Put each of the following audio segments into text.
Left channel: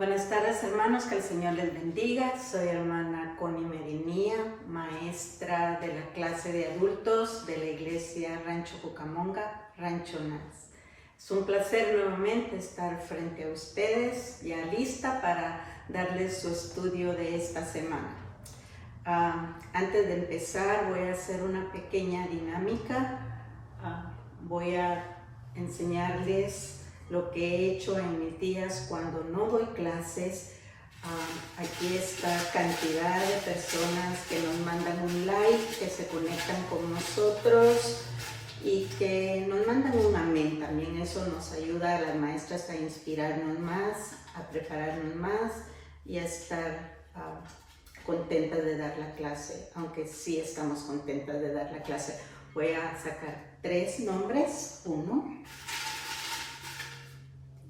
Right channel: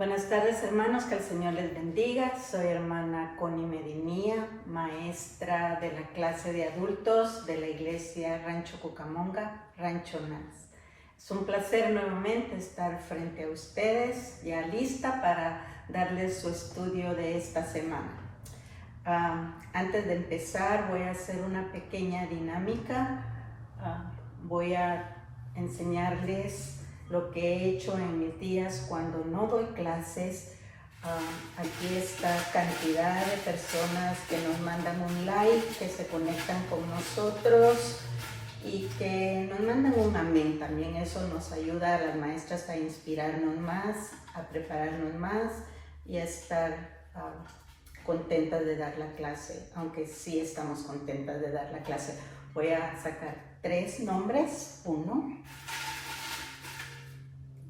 Buenas tardes, hermanos, que el Señor les bendiga. Soy hermana Connie Medinía, maestra de la clase de adultos de la iglesia Rancho Cucamonga, Rancho Nance. Es un placer nuevamente estar frente a ustedes, ya lista para darles su estudio de esta semana. Antes de empezar voy a hacer una pequeña dinámica. Voy a enseñarles lo que he hecho en mis días cuando no doy clases. Aquí está cantidad de personas que nos mandan un like, que se conectan con nosotros y que nos mandan un amén. También eso nos ayuda a las maestras a inspirarnos más, a prepararnos más y a estar contentas de dar la clase, aunque sí estamos contentas de dar la clase. Voy a sacar 3 nombres, 1,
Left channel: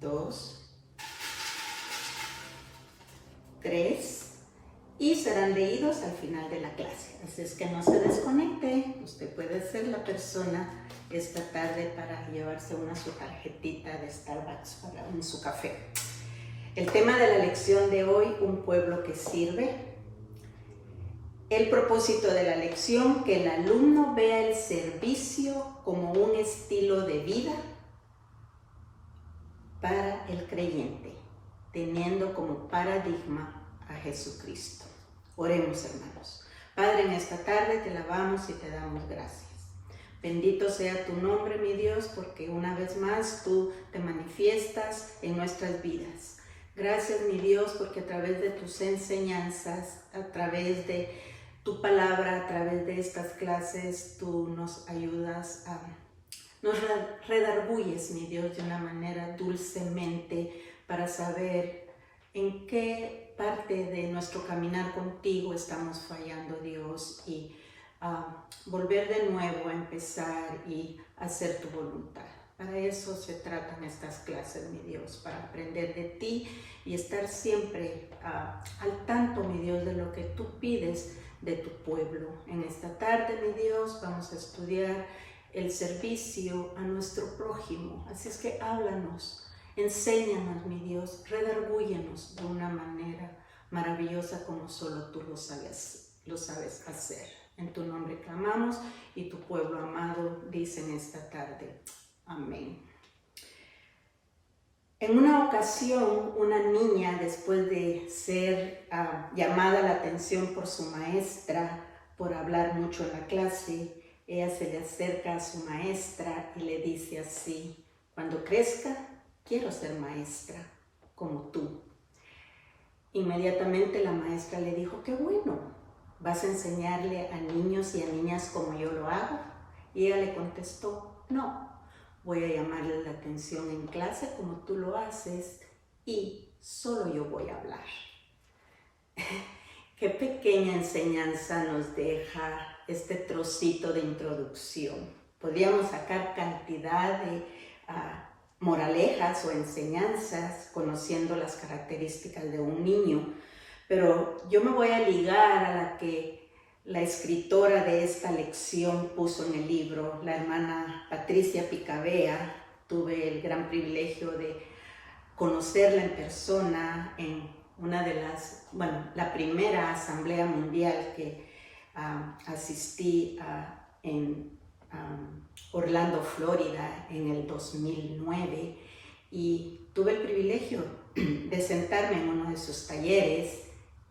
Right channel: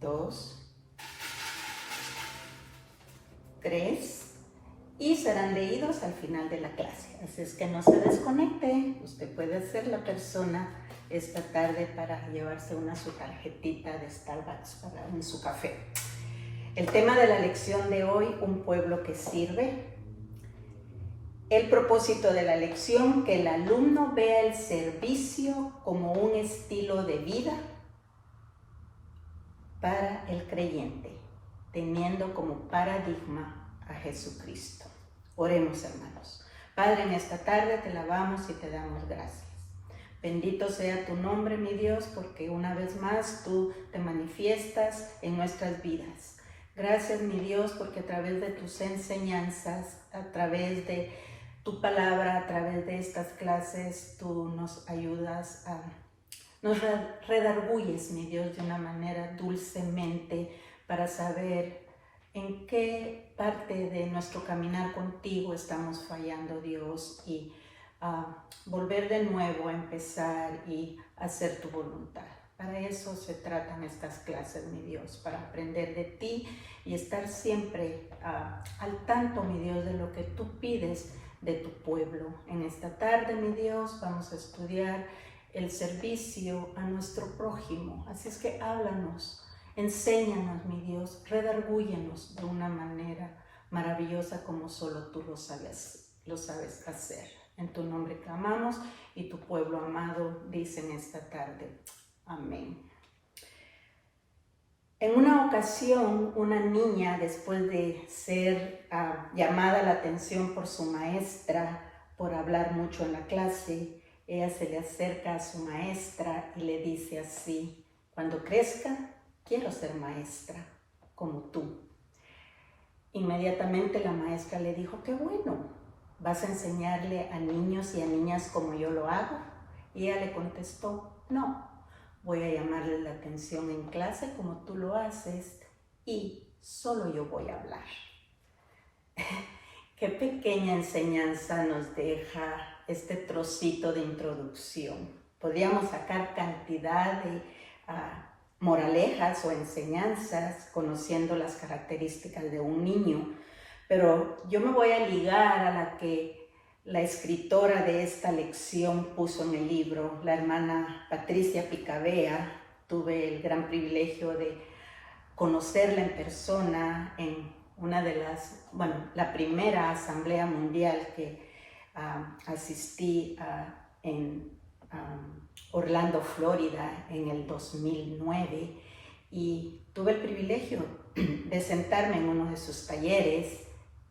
2, 3, y serán leídos al final de la clase. Así es que no se desconecte. Usted puede ser la persona esta tarde para llevarse su tarjetita de Starbucks para su café. El tema de la lección de hoy, un pueblo que sirve. El propósito de la lección, que el alumno vea el servicio como un estilo de vida para el creyente, teniendo como paradigma a Jesucristo. Oremos, hermanos. Padre, en esta tarde te alabamos y te damos gracias. Bendito sea tu nombre, mi Dios, porque una vez más tú te manifiestas en nuestras vidas. Gracias, mi Dios, porque a través de tus enseñanzas, a través de tu palabra, a través de estas clases, tú nos ayudas nos redarguyes, mi Dios, de una manera dulcemente para saber en qué parte de nuestro caminar contigo estamos fallando, Dios, y volver de nuevo a empezar y hacer tu voluntad. Para eso se tratan estas clases, mi Dios, para aprender de ti y estar siempre al tanto, mi Dios, de lo que tú pides de tu pueblo. En esta tarde, mi Dios, vamos a estudiar el servicio a nuestro prójimo. Así es que háblanos, enséñanos, mi Dios, redargúyenos de una manera maravillosa como solo tú lo sabes hacer. En tu nombre clamamos y tu pueblo amado dice en esta tarde, amén. En una ocasión, una niña, después de ser llamada la atención por su maestra por hablar mucho en la clase, ella se le acerca a su maestra y le dice así: cuando crezca, quiero ser maestra, como tú. Inmediatamente la maestra le dijo: qué bueno, ¿vas a enseñarle a niños y a niñas como yo lo hago? Y ella le contestó: no, voy a llamarle la atención en clase como tú lo haces y solo yo voy a hablar. Qué pequeña enseñanza nos deja este trocito de introducción. Podríamos sacar cantidad de moralejas o enseñanzas conociendo las características de un niño, pero yo me voy a ligar a la que la escritora de esta lección puso en el libro, la hermana Patricia Picabea. Tuve el gran privilegio de conocerla en persona en una de la primera asamblea mundial que asistí en Orlando, Florida, en el 2009, y tuve el privilegio de sentarme en uno de sus talleres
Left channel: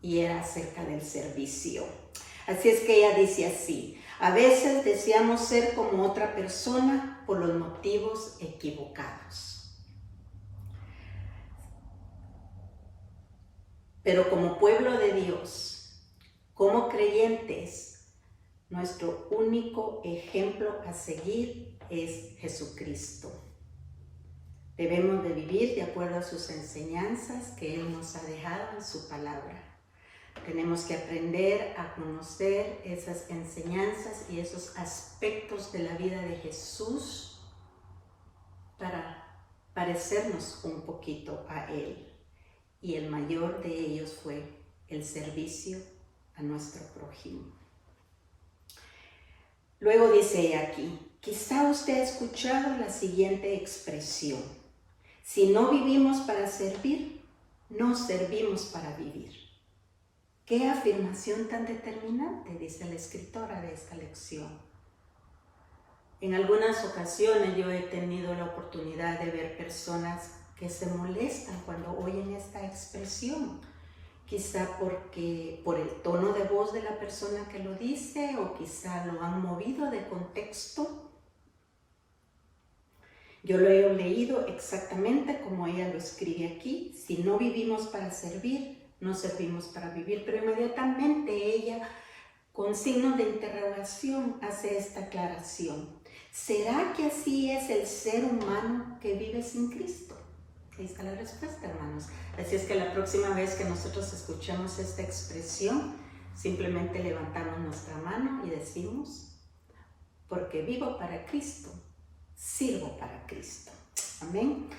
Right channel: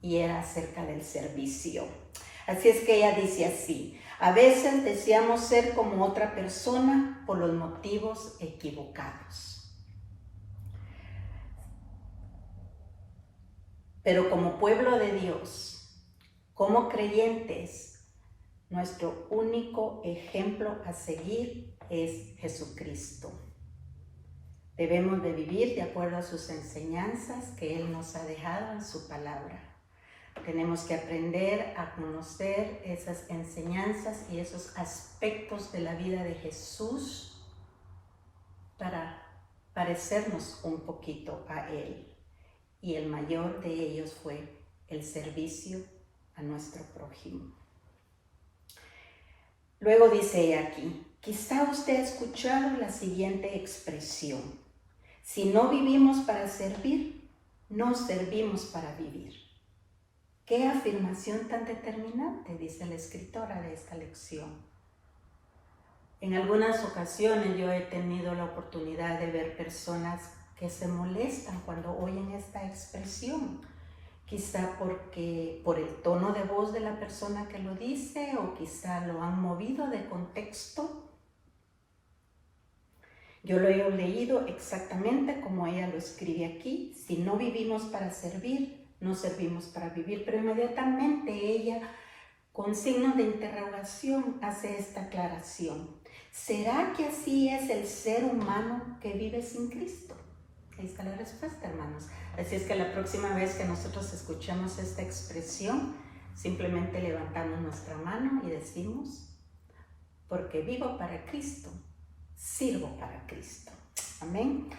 y era acerca del servicio. Así es que ella dice así: a veces deseamos ser como otra persona por los motivos equivocados. Pero como pueblo de Dios, como creyentes, nuestro único ejemplo a seguir es Jesucristo. Debemos de vivir de acuerdo a sus enseñanzas que Él nos ha dejado en su palabra. Tenemos que aprender a conocer esas enseñanzas y esos aspectos de la vida de Jesús para parecernos un poquito a Él. Y el mayor de ellos fue el servicio a nuestro prójimo. Luego dice ella aquí: quizá usted ha escuchado la siguiente expresión: si no vivimos para servir, no servimos para vivir. Qué afirmación tan determinante, dice la escritora de esta lección. En algunas ocasiones yo he tenido la oportunidad de ver personas que se molestan cuando oyen esta expresión, quizá porque por el tono de voz de la persona que lo dice, o quizá lo han movido de contexto. Yo lo he leído exactamente como ella lo escribe aquí: si no vivimos para servir, no servimos para vivir. Pero inmediatamente ella, con signos de interrogación, hace esta aclaración: ¿será que así es el ser humano que vive sin Cristo? Ahí está la respuesta, hermanos. Así es que la próxima vez que nosotros escuchemos esta expresión, simplemente levantamos nuestra mano y decimos: porque vivo para Cristo, sirvo para Cristo. Amén.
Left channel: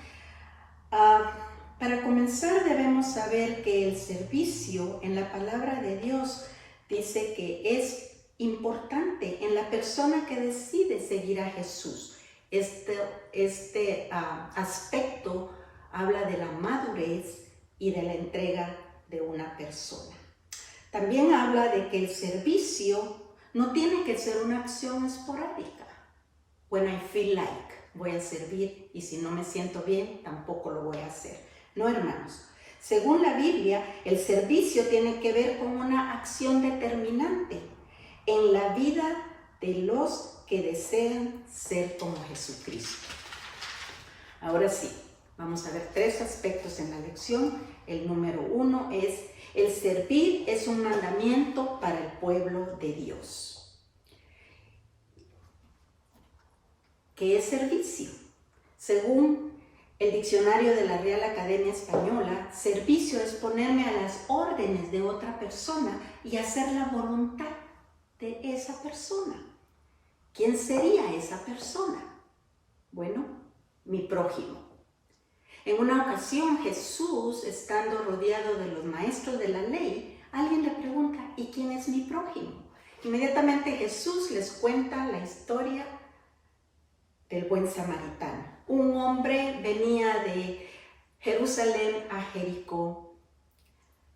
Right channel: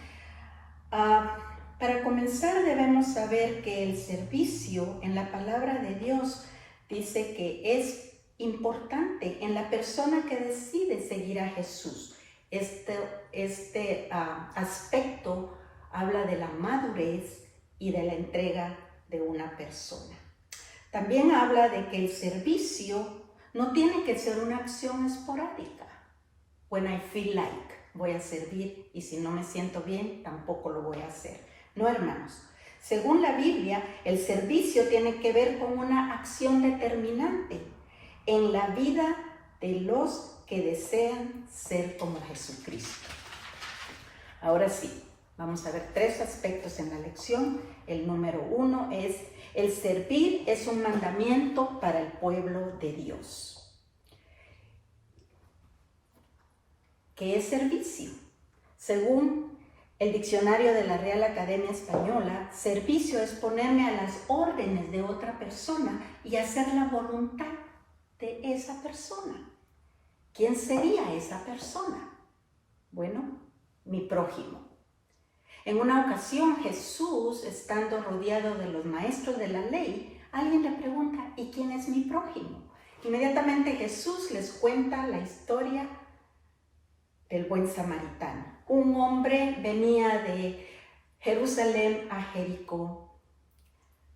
Para comenzar, debemos saber que el servicio en la palabra de Dios dice que es importante en la persona que decide seguir a Jesús. Este aspecto habla de la madurez y de la entrega de una persona. También habla de que el servicio no tiene que ser una acción esporádica. When I feel like, voy a servir, y si no me siento bien, tampoco lo voy a hacer. No, hermanos. Según la Biblia, el servicio tiene que ver con una acción determinante en la vida de los que desean ser como Jesucristo. Ahora sí, vamos a ver 3 aspectos en la lección. El número 1 es: el servir es un mandamiento para el pueblo de Dios. ¿Qué es servicio? Según el diccionario de la Real Academia Española, servicio es ponerme a las órdenes de otra persona y hacer la voluntad de esa persona. ¿Quién sería esa persona? Bueno, mi prójimo. En una ocasión, Jesús, estando rodeado de los maestros de la ley, alguien le pregunta: ¿y quién es mi prójimo? Inmediatamente Jesús les cuenta la historia del buen samaritano. Un hombre venía de Jerusalén a Jericó.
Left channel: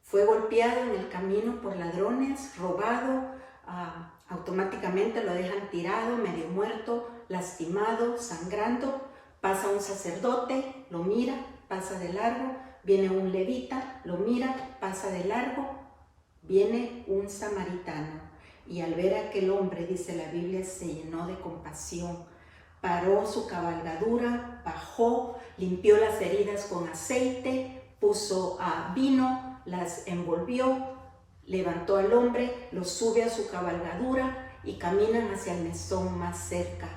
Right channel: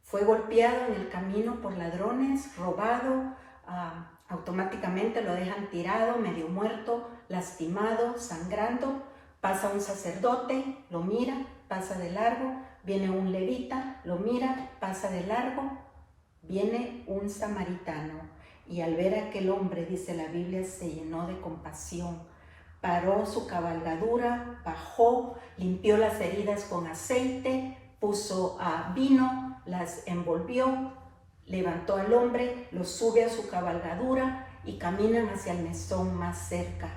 Fue golpeado en el camino por ladrones, robado, automáticamente lo dejan tirado, medio muerto, lastimado, sangrando. Pasa un sacerdote, lo mira, pasa de largo. Viene un levita, lo mira, pasa de largo. Viene un samaritano, y al ver a aquel hombre, dice la Biblia, se llenó de compasión. Paró su cabalgadura, bajó, limpió las heridas con aceite, puso vino, las envolvió, levantó al hombre, lo sube a su cabalgadura y caminan hacia el mesón más cerca.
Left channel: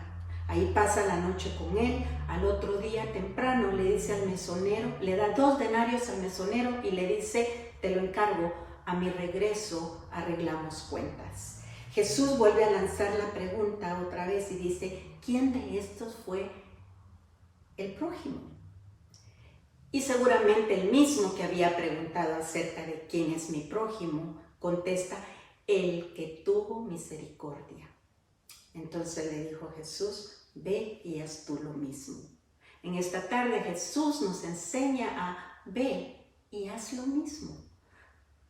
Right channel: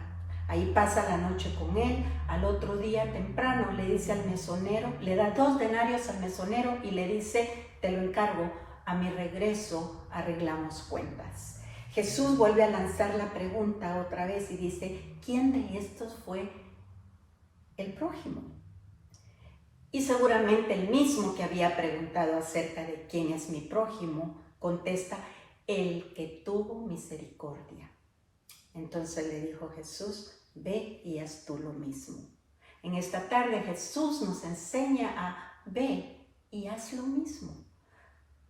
Ahí pasa la noche con él. Al otro día temprano le dice al mesonero, le da 2 denarios al mesonero y le dice: te lo encargo, a mi regreso arreglamos cuentas. Jesús vuelve a lanzar la pregunta otra vez y dice: ¿quién de estos fue el prójimo? Y seguramente el mismo que había preguntado acerca de quién es mi prójimo, contesta: el que tuvo misericordia. Entonces le dijo Jesús: ve y haz tú lo mismo. En esta tarde Jesús nos enseña a: ve y haz lo mismo.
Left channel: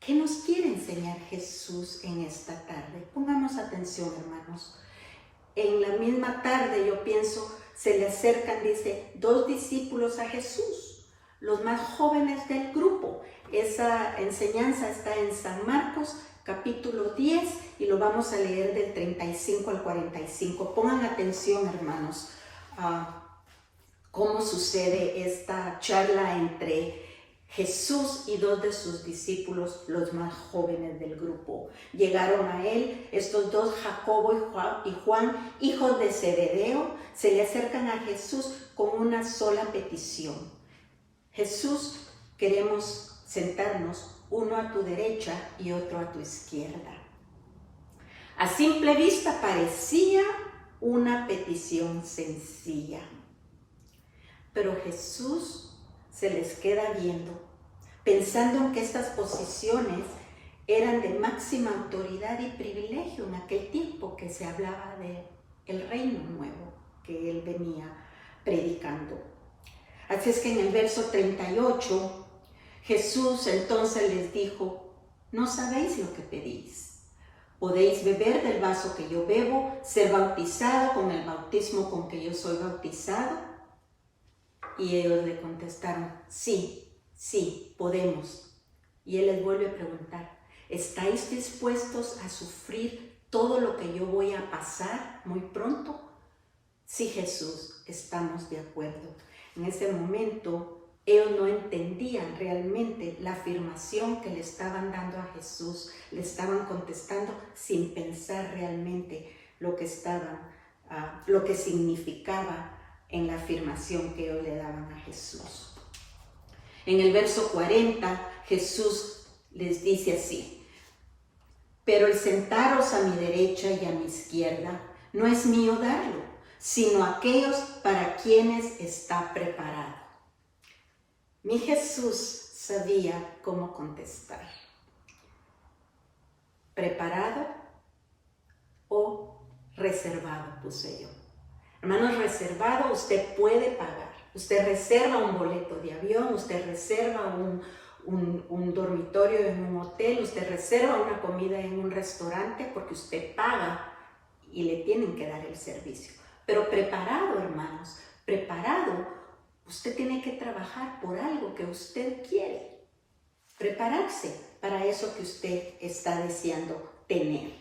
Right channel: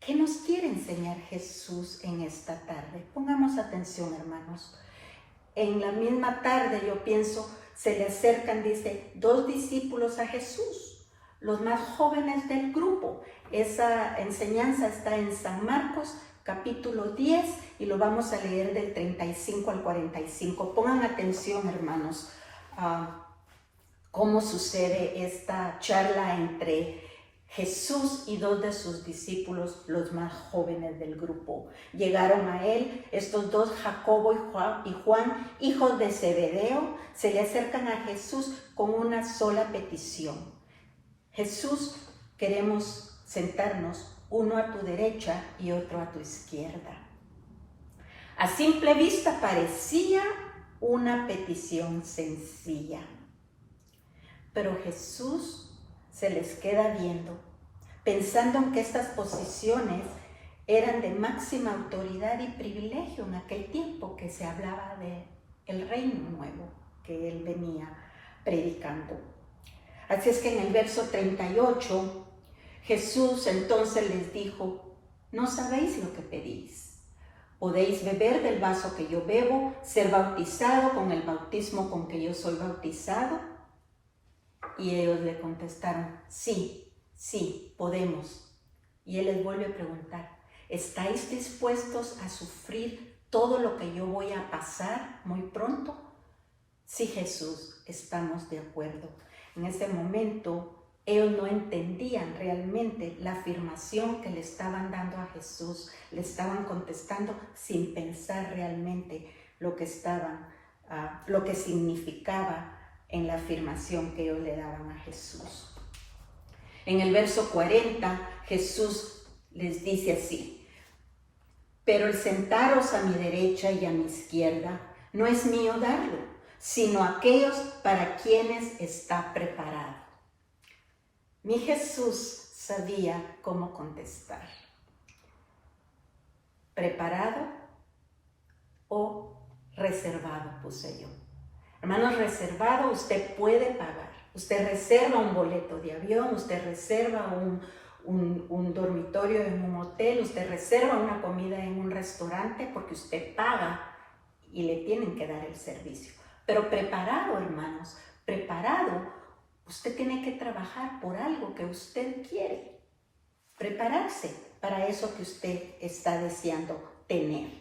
¿Qué nos quiere enseñar Jesús en esta tarde? Pongamos atención, hermanos. En la misma tarde, yo pienso, se le acercan, dice, 2 discípulos a Jesús, los más jóvenes del grupo. Esa enseñanza está en San Marcos, capítulo 10, y lo vamos a leer del 35 al 45. Pongan atención, hermanos, a cómo sucede esta charla entre Jesús y 2 de sus discípulos, los más jóvenes del grupo. Llegaron a él estos 2, Jacobo y Juan, hijos de Zebedeo. Se le acercan a Jesús con una sola petición: Jesús, queremos sentarnos, uno a tu derecha y otro a tu izquierda. A simple vista parecía una petición sencilla, pero Jesús se les queda viendo, pensando en que estas posiciones eran de máxima autoridad y privilegio en aquel tiempo que se hablaba del reino nuevo que él venía predicando. Así es que en el verso 38, Jesús entonces les dijo: no sabéis lo que pedís. ¿Podéis beber del vaso que yo bebo, ser bautizado con el bautismo con que yo soy bautizado? Y ellos le contestaron: sí, sí, podemos. Y él les vuelve a preguntar: ¿estáis dispuestos a sufrir todo lo que yo voy a pasar muy pronto? Sí, Jesús, estamos de acuerdo. En ese momento ellos no entendían realmente la afirmación que le estaban dando a Jesús. Le estaban contestando sin pensar realmente lo que significaba en la afirmación que ellos le daban a Jesús. En el verso 40, Jesús les dice así: pero el sentaros a mi derecha y a mi izquierda no es mío darlo, sino aquellos para quienes está preparado. Mi Jesús sabía cómo contestar. ¿Preparado o reservado? Puse yo. Hermanos, reservado usted puede pagar. Usted reserva un boleto de avión, usted reserva un dormitorio en un hotel, usted reserva una comida en un restaurante porque usted paga y le tienen que dar el servicio. Pero preparado, hermanos, preparado, usted tiene que trabajar por algo que usted quiere. Prepararse para eso que usted está deseando tener.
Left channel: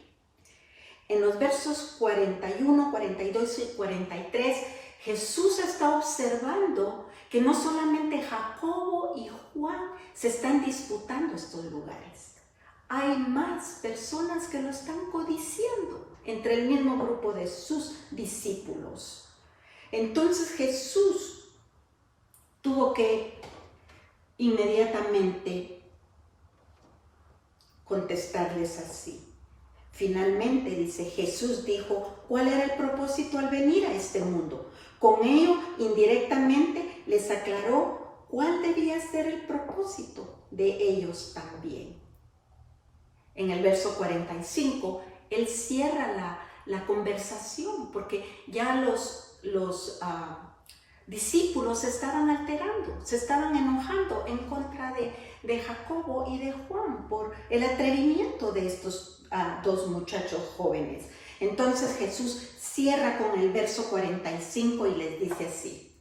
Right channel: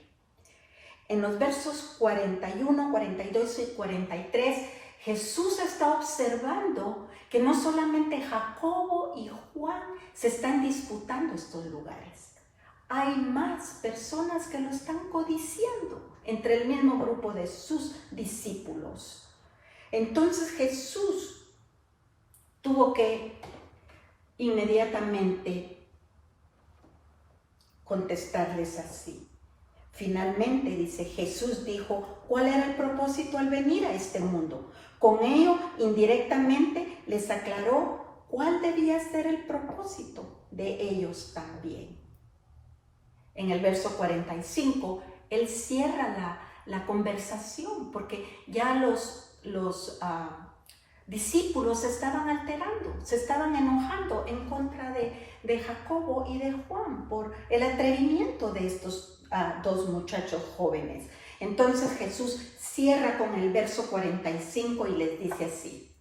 En los versos 41, 42 y 43, Jesús está observando que no solamente Jacobo y Juan se están disputando estos lugares. Hay más personas que lo están codiciando entre el mismo grupo de sus discípulos. Entonces Jesús tuvo que inmediatamente contestarles así. Finalmente, dice, Jesús dijo cuál era el propósito al venir a este mundo. Con ello, indirectamente, les aclaró cuál debía ser el propósito de ellos también. En el verso 45, él cierra la conversación porque ya los discípulos se estaban alterando, se estaban enojando en contra de Jacobo y de Juan por el atrevimiento de estos dos muchachos jóvenes. Entonces Jesús cierra con el verso 45 y les dice así,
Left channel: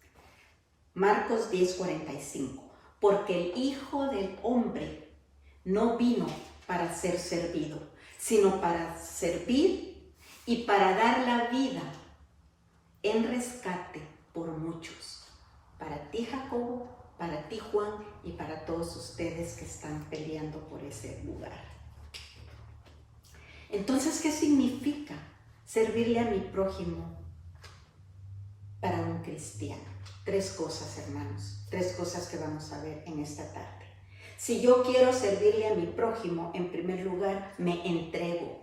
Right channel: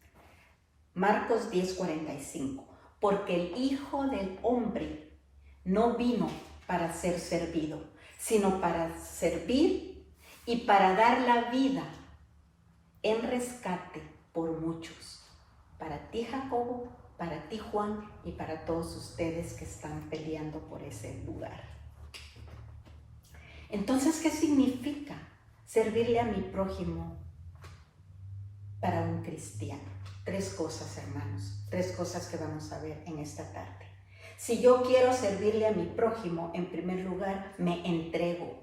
Marcos 10:45, porque el Hijo del Hombre no vino para ser servido, sino para servir y para dar la vida en rescate por muchos. Para ti, Jacobo, para ti, Juan, y para todos ustedes que están peleando por ese lugar. Entonces, ¿qué significa servirle a mi prójimo para un cristiano? Tres cosas, hermanos, tres cosas que vamos a ver en esta tarde. Si yo quiero servirle a mi prójimo, en primer lugar, me entrego.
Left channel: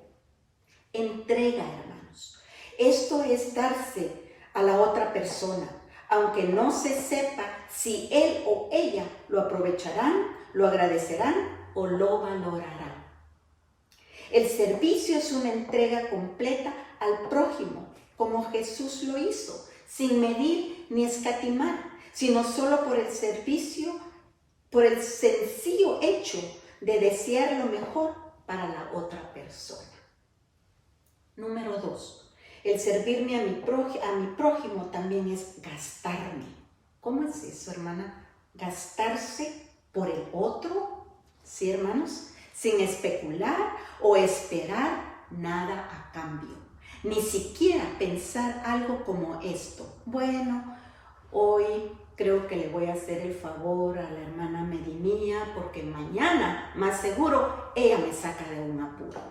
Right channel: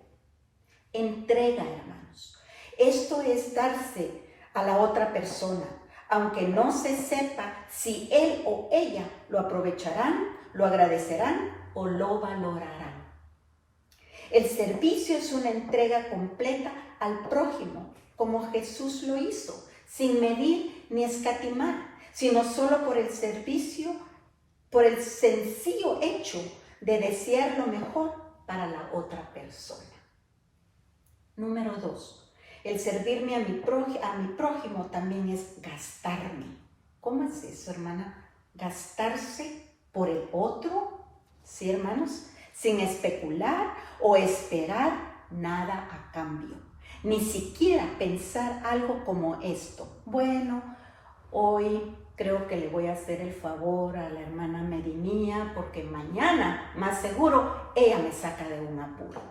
Entrega, hermanos. Esto es darse a la otra persona, aunque no se sepa si él o ella lo aprovecharán, lo agradecerán o lo valorarán. El servicio es una entrega completa al prójimo, como Jesús lo hizo, sin medir ni escatimar, sino solo por el servicio, por el sencillo hecho de desear lo mejor para la otra persona. Número 2. El servirme a mi prójimo también es gastarme. ¿Cómo es eso, hermana? Gastarse por el otro, ¿sí, hermanos? Sin especular o esperar nada a cambio. Ni siquiera pensar algo como esto. Bueno, hoy creo que le voy a hacer el favor a la hermana Medinía porque mañana, más seguro, ella me saca de un apuro.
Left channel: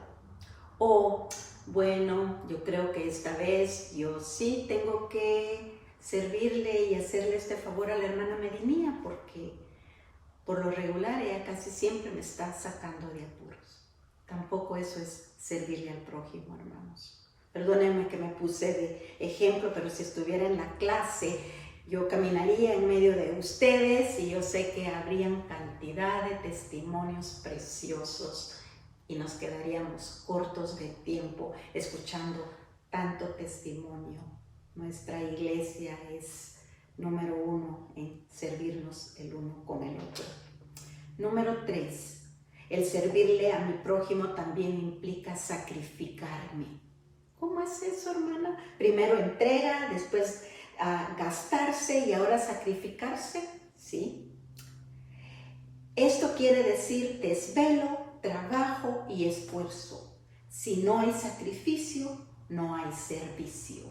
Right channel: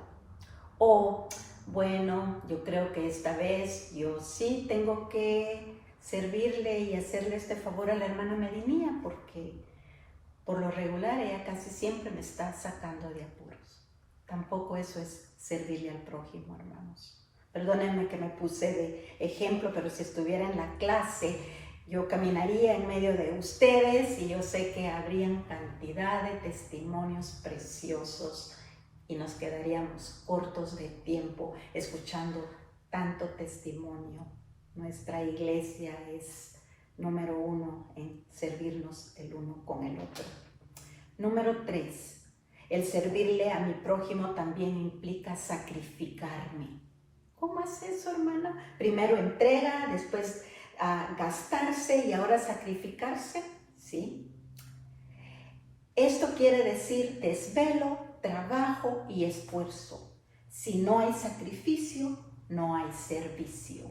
O bueno, yo creo que esta vez yo sí tengo que servirle y hacerle este favor a la hermana Medinía porque por lo regular ella casi siempre me está sacando de apuros. Tampoco eso es servirle al prójimo, hermanos. Perdónenme que me puse de ejemplo, pero si estuviera en la clase, yo caminaría en medio de ustedes y yo sé que habrían cantidad de testimonios preciosos y nos quedaríamos cortos de tiempo escuchando tanto testimonio. Nuestra iglesia es número 1 en servirnos el uno con el otro. Número 3, el servirle a mi prójimo también implica sacrificarme. ¿Cómo es eso, hermana? Primero entrega, después gastarse y ahora sacrificarse, ¿sí? Esto quiere decir desvelo, trabajo y esfuerzo. Si no hay sacrificio, no hay servicio.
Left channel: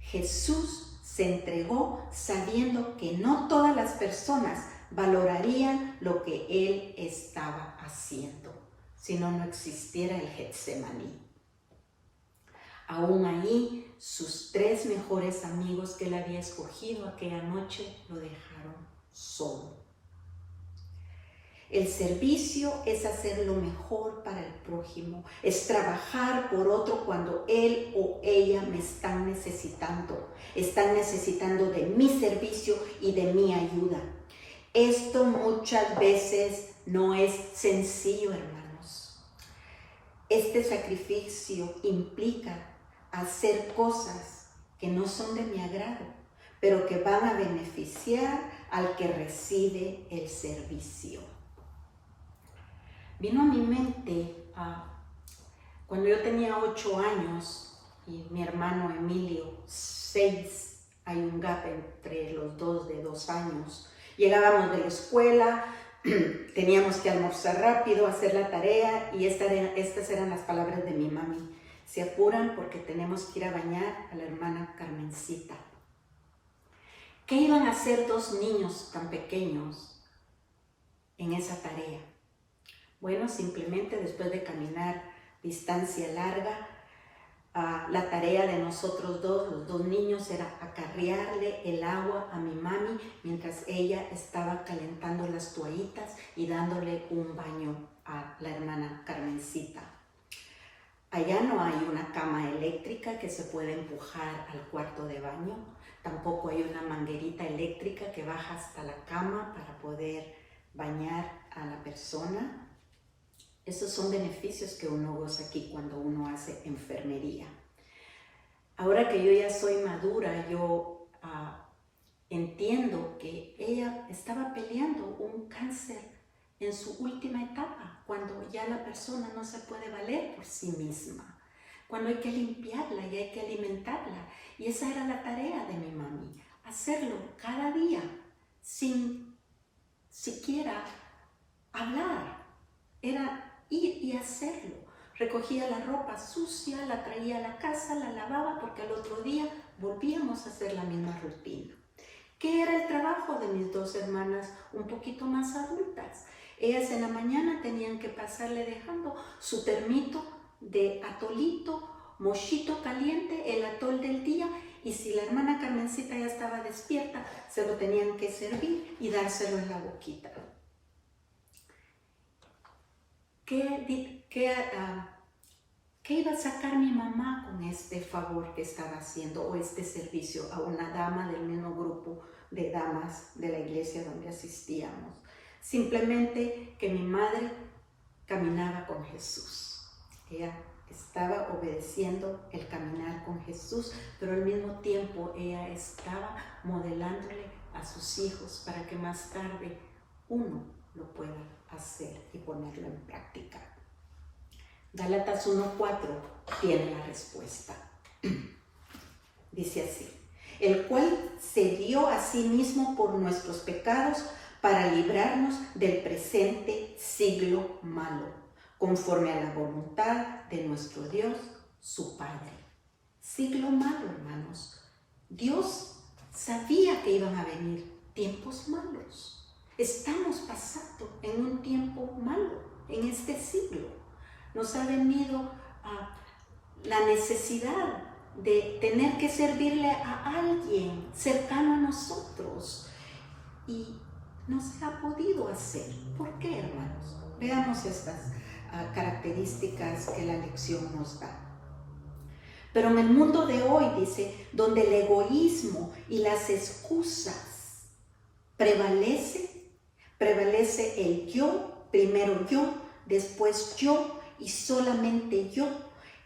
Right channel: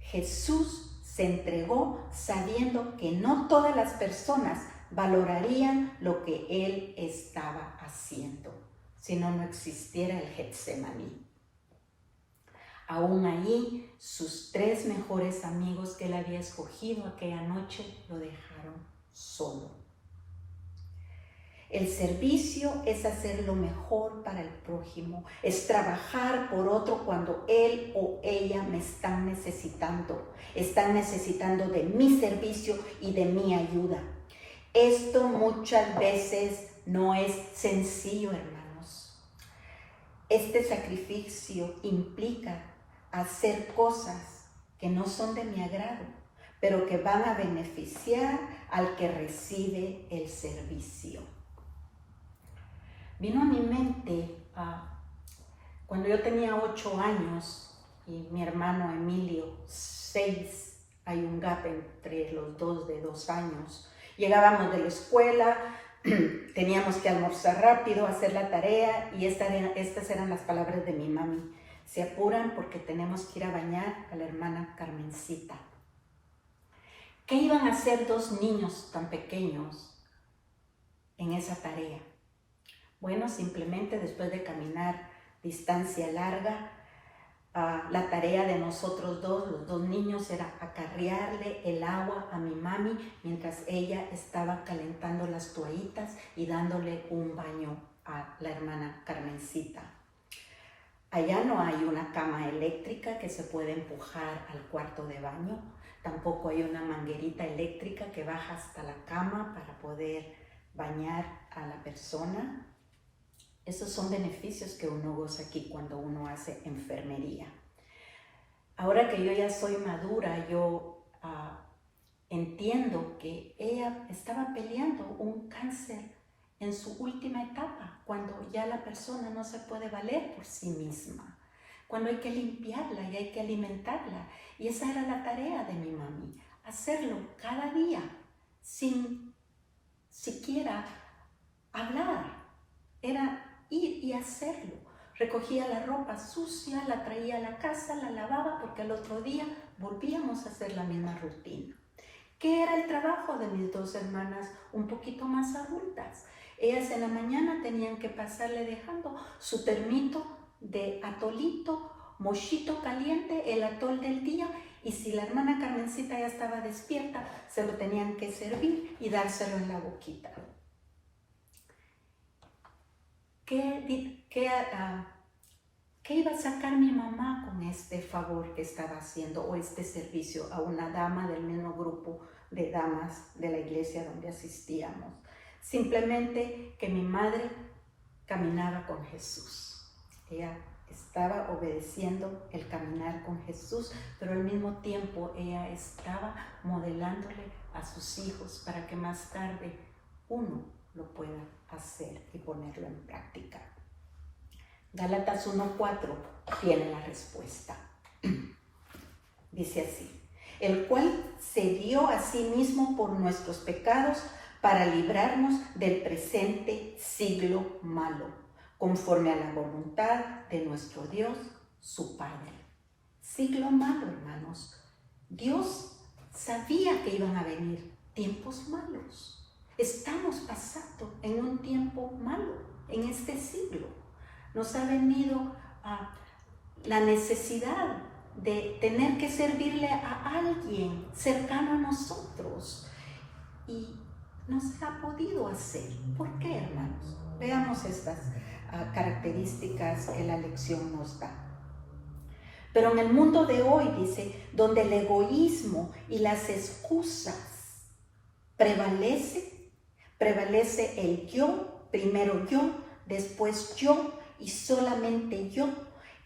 Jesús se entregó sabiendo que no todas las personas valorarían lo que Él estaba haciendo, si no, no existiera el Getsemaní. Aún ahí, sus 3 mejores amigos que Él había escogido aquella noche lo dejaron solo. El servicio es hacer lo mejor para el prójimo, es trabajar por otro cuando él o ella me están necesitando de mi servicio y de mi ayuda. Esto muchas veces no es sencillo, hermanos. Este sacrificio implica hacer cosas que no son de mi agrado, pero que van a beneficiar al que recibe el servicio. Vino a mi mente cuando yo tenía 8 años y mi hermano Emilio 6, hay un gap entre los dos de 2 años. Llegábamos de la escuela, teníamos que almorzar rápido, hacer la tarea y estas eran las palabras de mi mami. Se apuran porque tenemos que ir a bañar a la hermana Carmencita. ¿Qué iban a hacer 2 niños tan pequeños en esa tarea? Bueno, simplemente después de caminar distancia larga, la tarea de nosotros los 2 niños, era acarrearle el agua a mi mami mientras ella estaba calentando las toallitas y dándole un baño a la hermana Carmencita. Allá no hay una cama eléctrica que se puede empujar al cuarto de baño, tampoco hay una manguerita eléctrica que baja hasta la cama para poder bañar a la persona. Esos son beneficios que uno goza aquí cuando uno hace enfermería. Ahora que yo ya soy madura, yo entiendo que ella estaba peleando un cáncer en su última etapa, cuando ya la persona no se puede valer por sí misma, cuando hay que limpiarla y hay que alimentarla. Y esa era la tarea de mi mami, hacerlo cada día sin siquiera hablar. Era ir y hacerlo. Recogía la ropa sucia, la traía a la casa, la lavaba, porque al otro día volvíamos a hacer la misma rutina. ¿Qué era el trabajo de mis 2 hermanas un poquito más adultas? Ellas en la mañana tenían que pasarle dejando su termito de atolito, mochito caliente, el atol del día, y si la hermana Carmencita ya estaba despierta, se lo tenían que servir y dárselo en la boquita. ¿Qué iba a sacar mi mamá con este favor que estaba haciendo o este servicio a una dama del mismo grupo de damas de la iglesia donde asistíamos? Simplemente que mi madre caminaba con Jesús. Ella estaba obedeciendo el caminar con Jesús, pero al mismo tiempo ella estaba modelándole a sus hijos para que más tarde uno lo pueda hacer y ponerlo en práctica. Gálatas 1:4 tiene la respuesta. Dice así: el cual se dio a sí mismo por nuestros pecados para librarnos del presente siglo malo, conforme a la voluntad de nuestro Dios, su Padre. Siglo malo, hermanos. Dios sabía que iban a venir tiempos malos. Estamos pasando en un tiempo malo, en este siglo. Nos ha venido la necesidad de tener que servirle a alguien cercano a nosotros y no se ha podido hacer. ¿Por qué, hermanos? Veamos estas características que la lección nos da. Pero en el mundo de hoy, dice, donde el egoísmo y las excusas prevalece el yo, primero yo, después yo y solamente yo,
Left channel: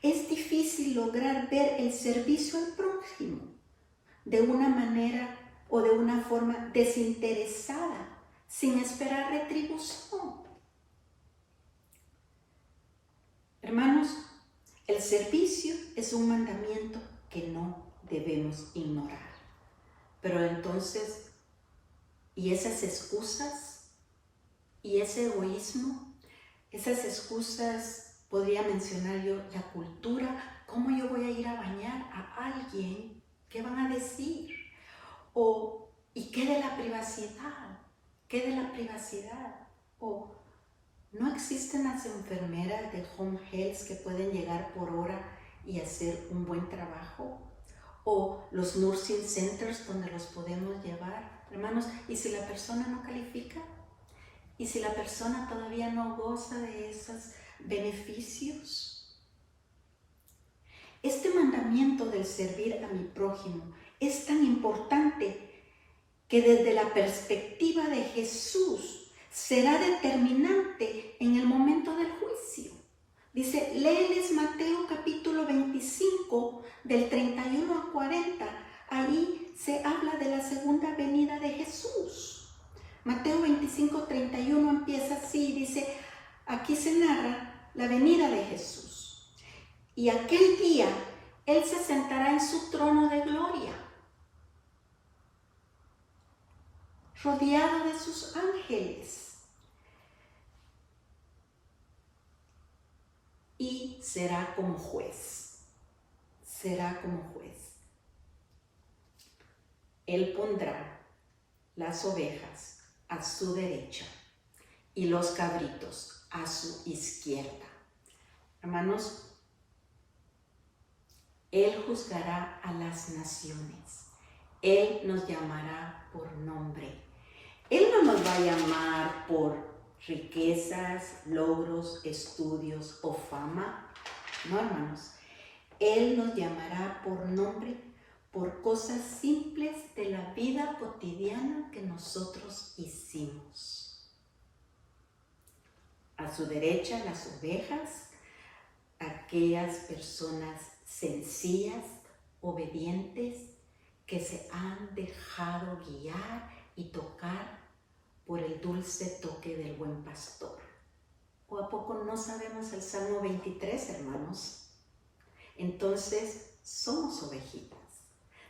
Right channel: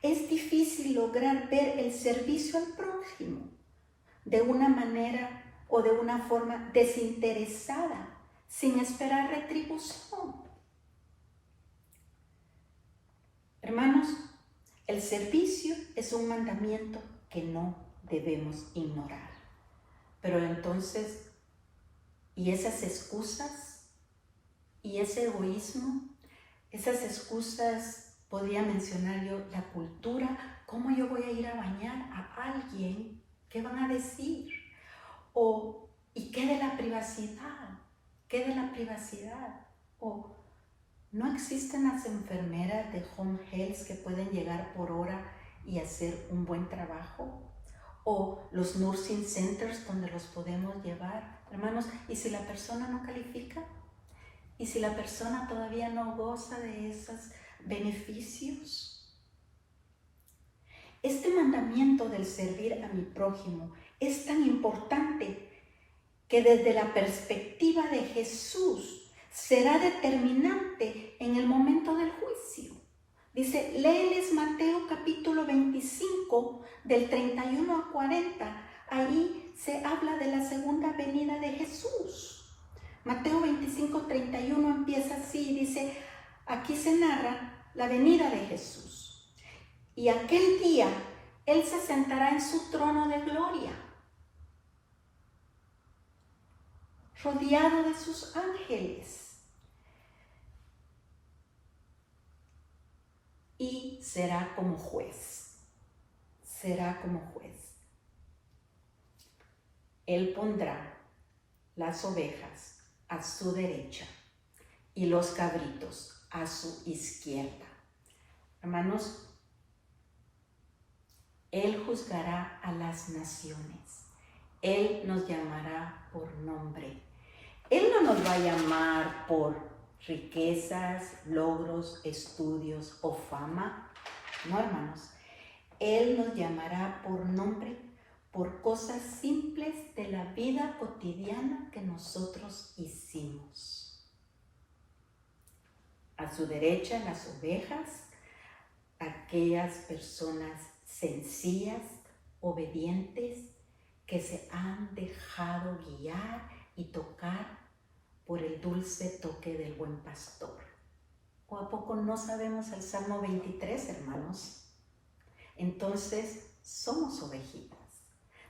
es difícil lograr ver el servicio al prójimo de una manera o de una forma desinteresada, sin esperar retribución. Hermanos, el servicio es un mandamiento que no debemos ignorar. Pero entonces, ¿y esas excusas? ¿Y ese egoísmo? Esas excusas, podría mencionar yo, la cultura. ¿Cómo yo voy a ir a bañar a alguien? ¿Qué van a decir? ¿Y qué de la privacidad? ¿Qué de la privacidad? ¿O no existen las enfermeras de home health que pueden llegar por hora y hacer un buen trabajo? ¿O los nursing centers donde los podemos llevar? Hermanos, ¿y si la persona no califica? ¿Y si la persona todavía no goza de esos beneficios? Este mandamiento del servir a mi prójimo es tan importante que desde la perspectiva de Jesús será determinante en el momento del juicio. Dice, léeles Mateo capítulo 25, del 31 al 40. Ahí se habla de la segunda venida de Jesús. Mateo 25, 31 empieza así, dice, aquí se narra la venida de Jesús. Y aquel día, Él se sentará en su trono de gloria, rodeado de sus ángeles, y será como juez. Será como juez. Él pondrá las ovejas a su derecha y los cabritos a su izquierda. Hermanos, Él juzgará a las naciones. Él nos llamará por nombre. Él no nos va a llamar por riquezas, logros, estudios o fama. No, hermanos. Él nos llamará por nombre, por cosas simples de la vida cotidiana que nosotros hicimos. A su derecha, las ovejas, aquellas personas sencillas, obedientes, que se han dejado guiar y tocar por el dulce toque del buen pastor. ¿O a poco no sabemos el Salmo 23, hermanos? Entonces, somos ovejitas.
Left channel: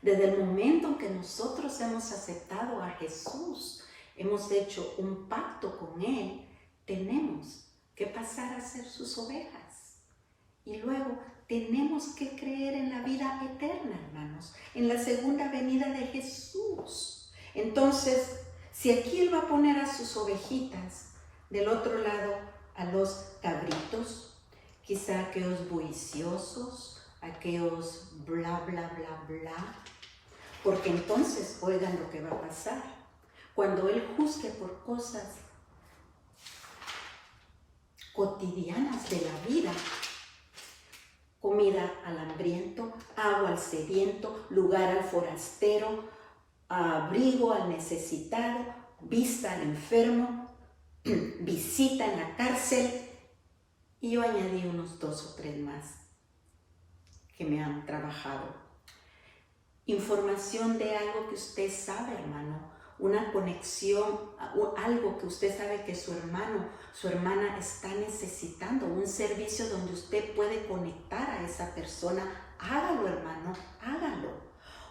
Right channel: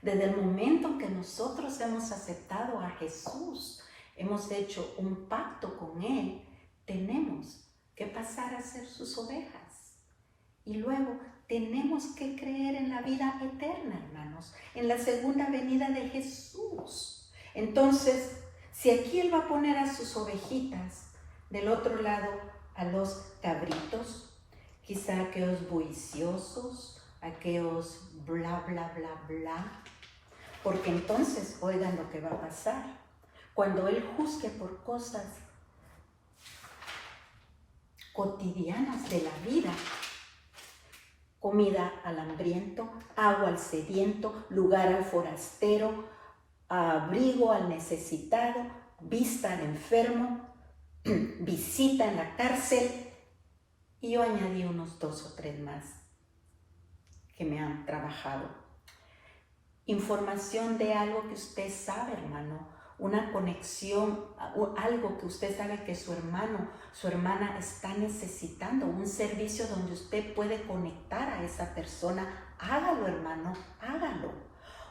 Desde el momento en que nosotros hemos aceptado a Jesús, hemos hecho un pacto con Él, tenemos que pasar a ser sus ovejas. Y luego tenemos que creer en la vida eterna, hermanos, en la segunda venida de Jesús. Entonces, si aquí Él va a poner a sus ovejitas, del otro lado a los cabritos, quizá aquellos bulliciosos, aquellos bla, bla, bla, bla, porque entonces oigan lo que va a pasar. Cuando Él juzgue por cosas cotidianas de la vida, comida al hambriento, agua al sediento, lugar al forastero, abrigo al necesitado, vista al enfermo, visita en la cárcel, y yo añadí unos 2 o 3 más que me han trabajado. Información de algo que usted sabe, hermano, una conexión, algo que usted sabe que su hermano, su hermana está necesitando, un servicio donde usted puede conectar a esa persona. Hágalo, hermano, hágalo.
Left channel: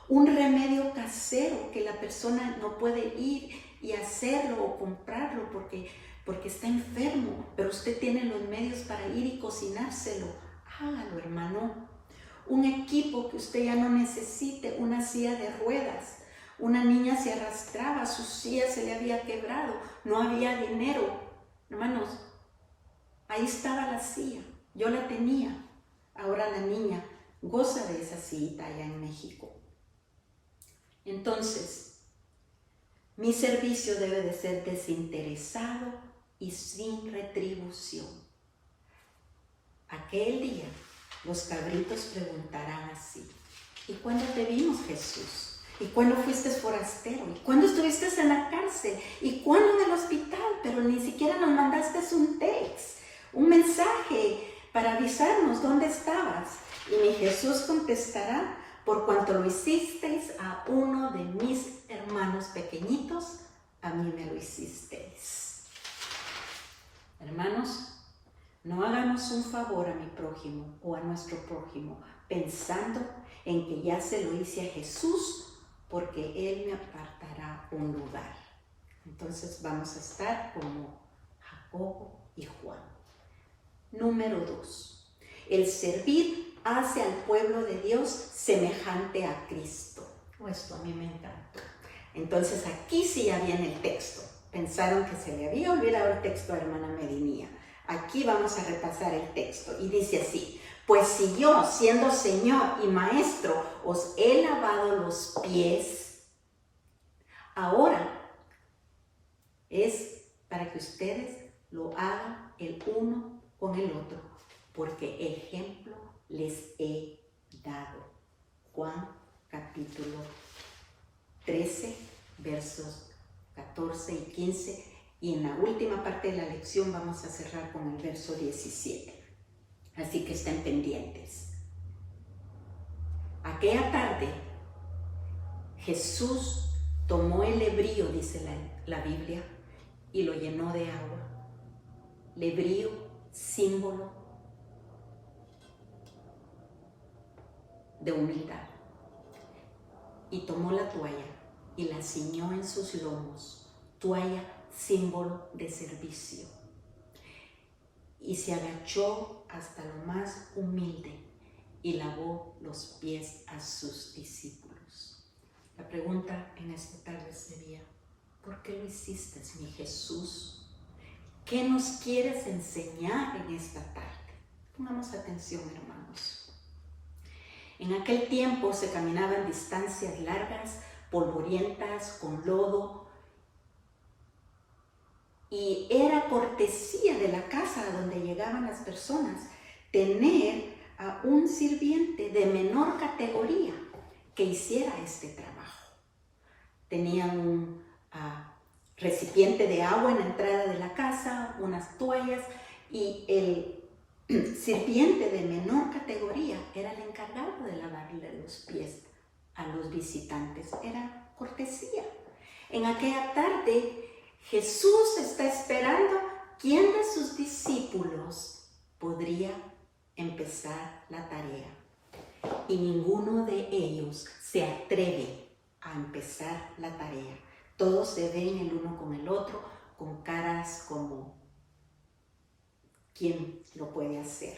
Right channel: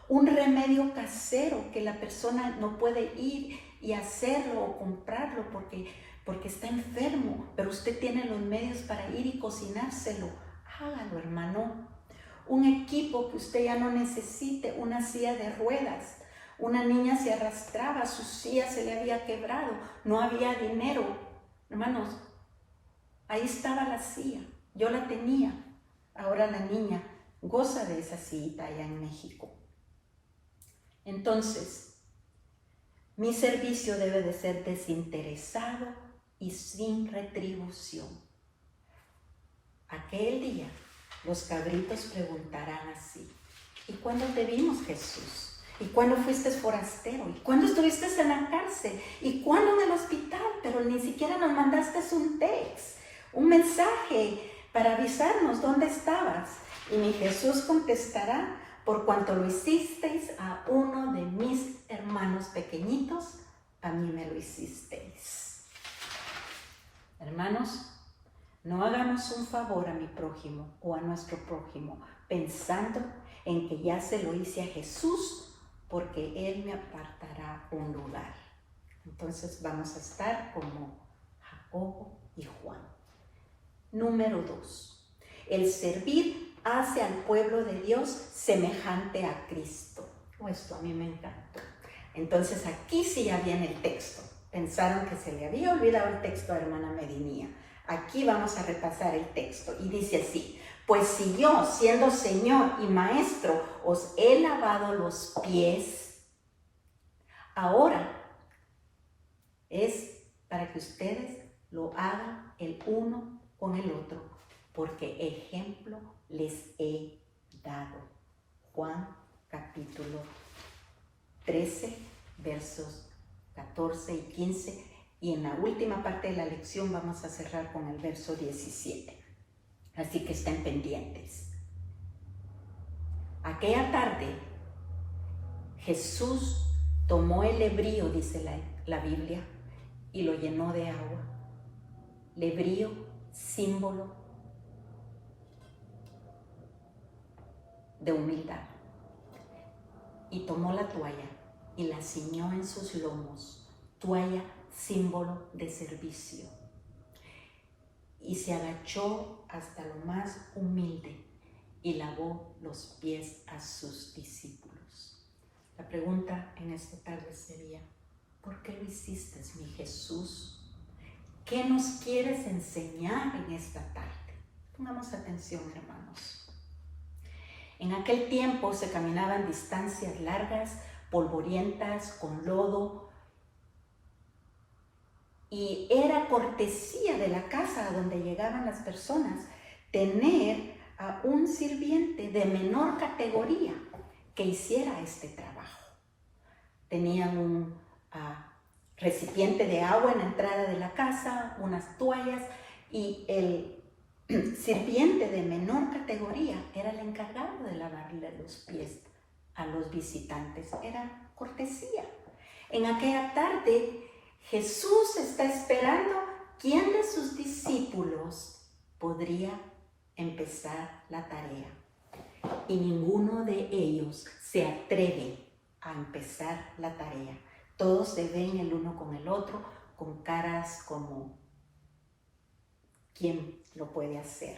Un remedio casero que la persona no puede ir y hacerlo o comprarlo porque está enfermo, pero usted tiene los medios para ir y cocinárselo. Hágalo, hermano. Un equipo que usted ya no necesite, una silla de ruedas. Una niña se arrastraba, su silla se le había quebrado, no había dinero. Hermanos, ahí estaba la silla, yo la tenía. Ahora la niña goza de esa sillita allá en México. Entonces, mi servicio debe de ser desinteresado y sin retribución. Aquel día, los cabritos preguntarán así: ¿y cuándo te vimos, Jesús? ¿Y cuándo fuiste forastero? ¿Y cuándo estuviste en la cárcel? ¿Y cuándo en el hospital? Pero ni siquiera nos mandaste un text, un mensaje para avisarnos dónde estabas. Y mi Jesús contestará: por cuanto lo hicisteis a uno de mis hermanos pequeñitos, a mí me lo hicisteis. Hermanos, no hagamos un favor a mi prójimo o a nuestro prójimo pensando en que ya se lo hice a Jesús porque Él me apartará un lugar. Entonces vamos a estar como Jacobo y Juan. Número 2. El servir hace al pueblo de Dios semejante a Cristo. Esto a mí me encantó. Entonces aquí sí ya viene el texto. Pensaron que se le había olvidado el texto a hermana Medinía. Aquí vamos a repasar el texto y dice así: pues si yo, siendo Señor y Maestro, os he lavado los pies, ahora es para que ustedes lo hagan el uno con el otro, porque ejemplo les he dado. Juan capítulo 13, versos 14 y 15, y en la última parte de la lección vamos a cerrar con el verso 17. Así que estén pendientes. Aquella tarde, Jesús tomó el lebrío, dice la Biblia, y lo llenó de agua. Lebrío, símbolo de humildad. Y tomó la toalla y la ciñó en sus lomos, toalla, símbolo de servicio. Y se agachó hasta lo más humilde y lavó los pies a sus discípulos. La pregunta en esta tarde sería: ¿por qué lo hiciste, mi Jesús? ¿Qué nos quieres enseñar en esta tarde? Pongamos atención, hermanos. En aquel tiempo se caminaban distancias largas, polvorientas, con lodo, y era cortesía de la casa a donde llegaban las personas tener a un sirviente de menor categoría que hiciera este trabajo. Tenían un recipiente de agua en la entrada de la casa, unas toallas, y el sirviente de menor categoría era el encargado de lavarle los pies a los visitantes. Era cortesía. En aquella tarde, Jesús está esperando quién de sus discípulos podría empezar la tarea. Y ninguno de ellos se atreve a empezar la tarea. Todos se ven el uno con el otro, con caras como ¿quién lo puede hacer?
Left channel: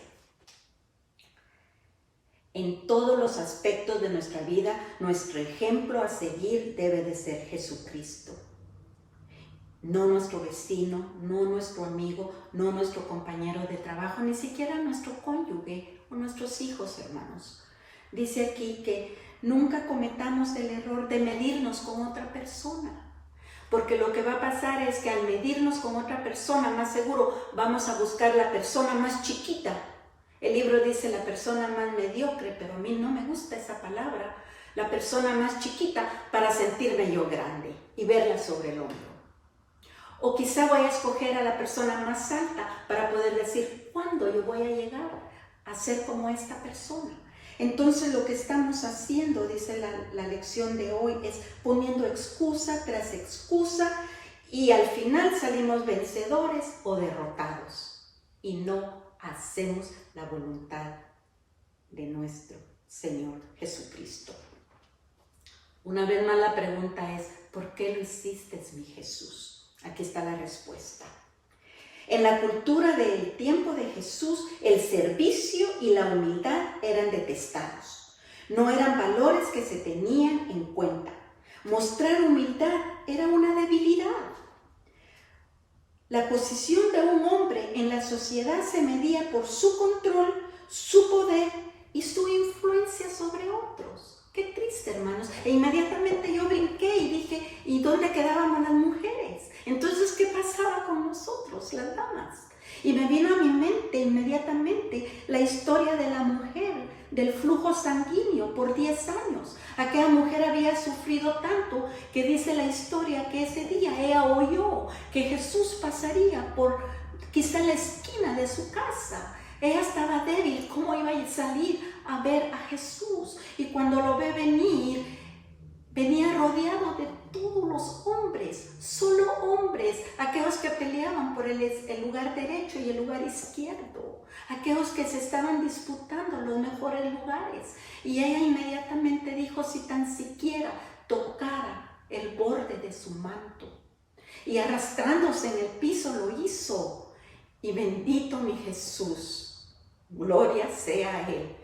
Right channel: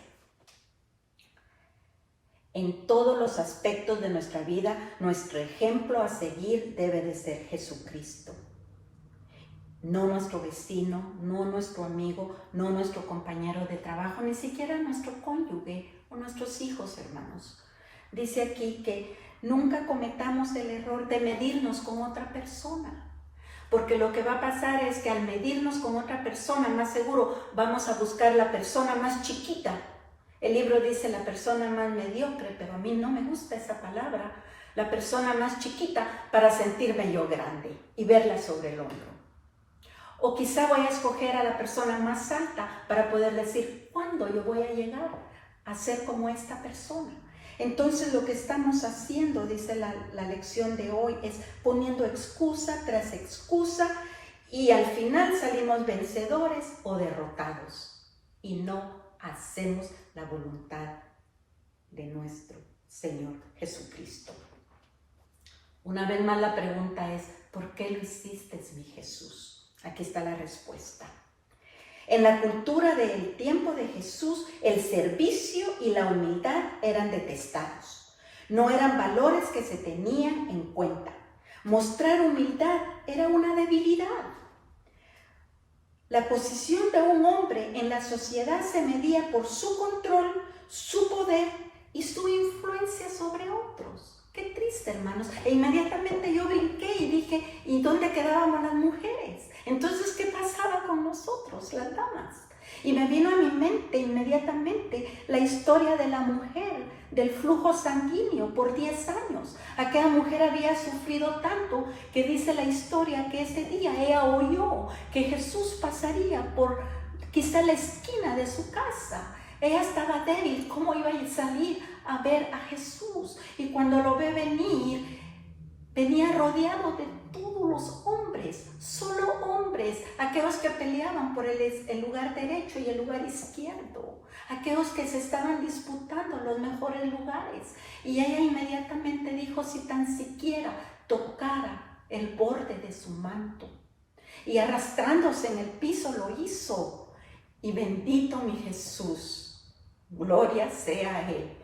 En todos los aspectos de nuestra vida, nuestro ejemplo a seguir debe de ser Jesucristo. No nuestro vecino, no nuestro amigo, no nuestro compañero de trabajo, ni siquiera nuestro cónyuge o nuestros hijos, hermanos. Dice aquí que nunca cometamos el error de medirnos con otra persona. Porque lo que va a pasar es que al medirnos con otra persona, más seguro vamos a buscar la persona más chiquita. El libro dice la persona más mediocre, pero a mí no me gusta esa palabra. La persona más chiquita para sentirme yo grande y verla sobre el hombro. O quizá voy a escoger a la persona más alta para poder decir, ¿cuándo yo voy a llegar a ser como esta persona? Entonces lo que estamos haciendo, dice la lección de hoy, es poniendo excusa tras excusa y al final salimos vencedores o derrotados y no hacemos la voluntad de nuestro Señor Jesucristo. Una vez más la pregunta es, ¿por qué lo hiciste, mi Jesús? Aquí está la respuesta. En la cultura del tiempo de Jesús, el servicio y la humildad eran detestados. No eran valores que se tenían en cuenta. Mostrar humildad era una debilidad. La posición de un hombre en la sociedad se medía por su control, su poder y su influencia sobre otros. Qué triste, hermanos. E inmediatamente yo brinqué y dije, ¿y dónde quedaban las mujeres? Entonces, ¿qué pasaba con nosotros, las damas? Y me vino a mi mente inmediatamente la historia de la mujer del flujo sanguíneo por 10 años. Aquella mujer había sufrido tanto que dice la historia que ese día ella oyó que Jesús pasaría por quizá la esquina de su casa. Ella estaba débil, ¿cómo iba a salir a ver a Jesús? Y cuando lo ve venir, venía rodeado de todos los hombres, solo hombres. Aquellos aquellos que peleaban por el lugar derecho y el lugar izquierdo, aquellos que se estaban disputando los mejores lugares. Y ella inmediatamente dijo, si tan siquiera tocara el borde de su manto. Y arrastrándose en el piso lo hizo. Y bendito mi Jesús, gloria sea a Él,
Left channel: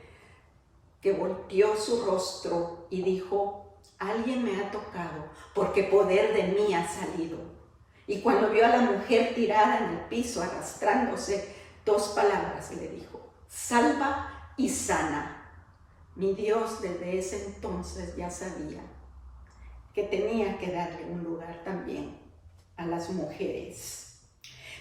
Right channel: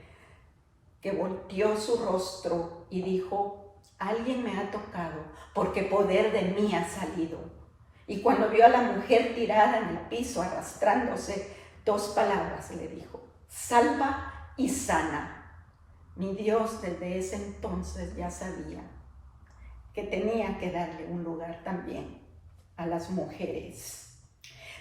que volteó su rostro y dijo, alguien me ha tocado, porque poder de mí ha salido. Y cuando vio a la mujer tirada en el piso, arrastrándose, 2 palabras le dijo, salva y sana. Mi Dios desde ese entonces ya sabía que tenía que darle un lugar también a las mujeres.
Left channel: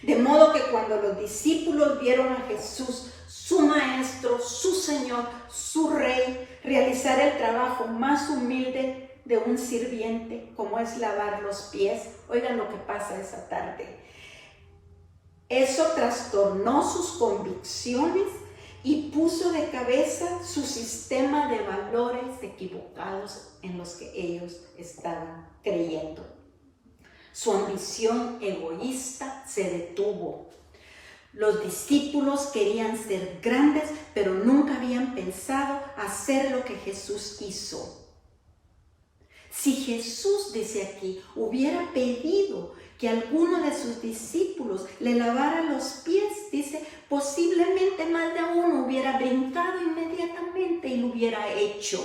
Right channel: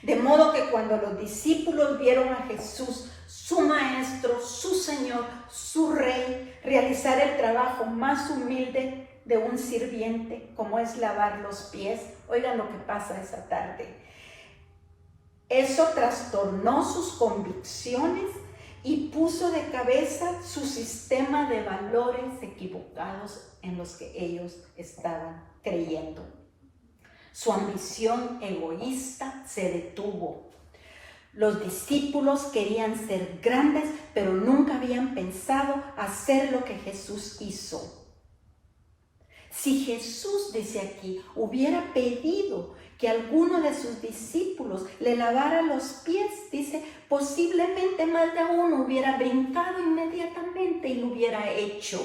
De modo que cuando los discípulos vieron a Jesús, su maestro, su Señor, su Rey, realizar el trabajo más humilde de un sirviente, como es lavar los pies, oigan lo que pasa esa tarde. Eso trastornó sus convicciones y puso de cabeza su sistema de valores equivocados en los que ellos estaban creyendo. Su ambición egoísta se detuvo. Los discípulos querían ser grandes, pero nunca habían pensado hacer lo que Jesús hizo. Si Jesús, dice aquí, hubiera pedido que alguno de sus discípulos le lavara los pies, dice, posiblemente más de uno hubiera brincado inmediatamente y lo hubiera hecho.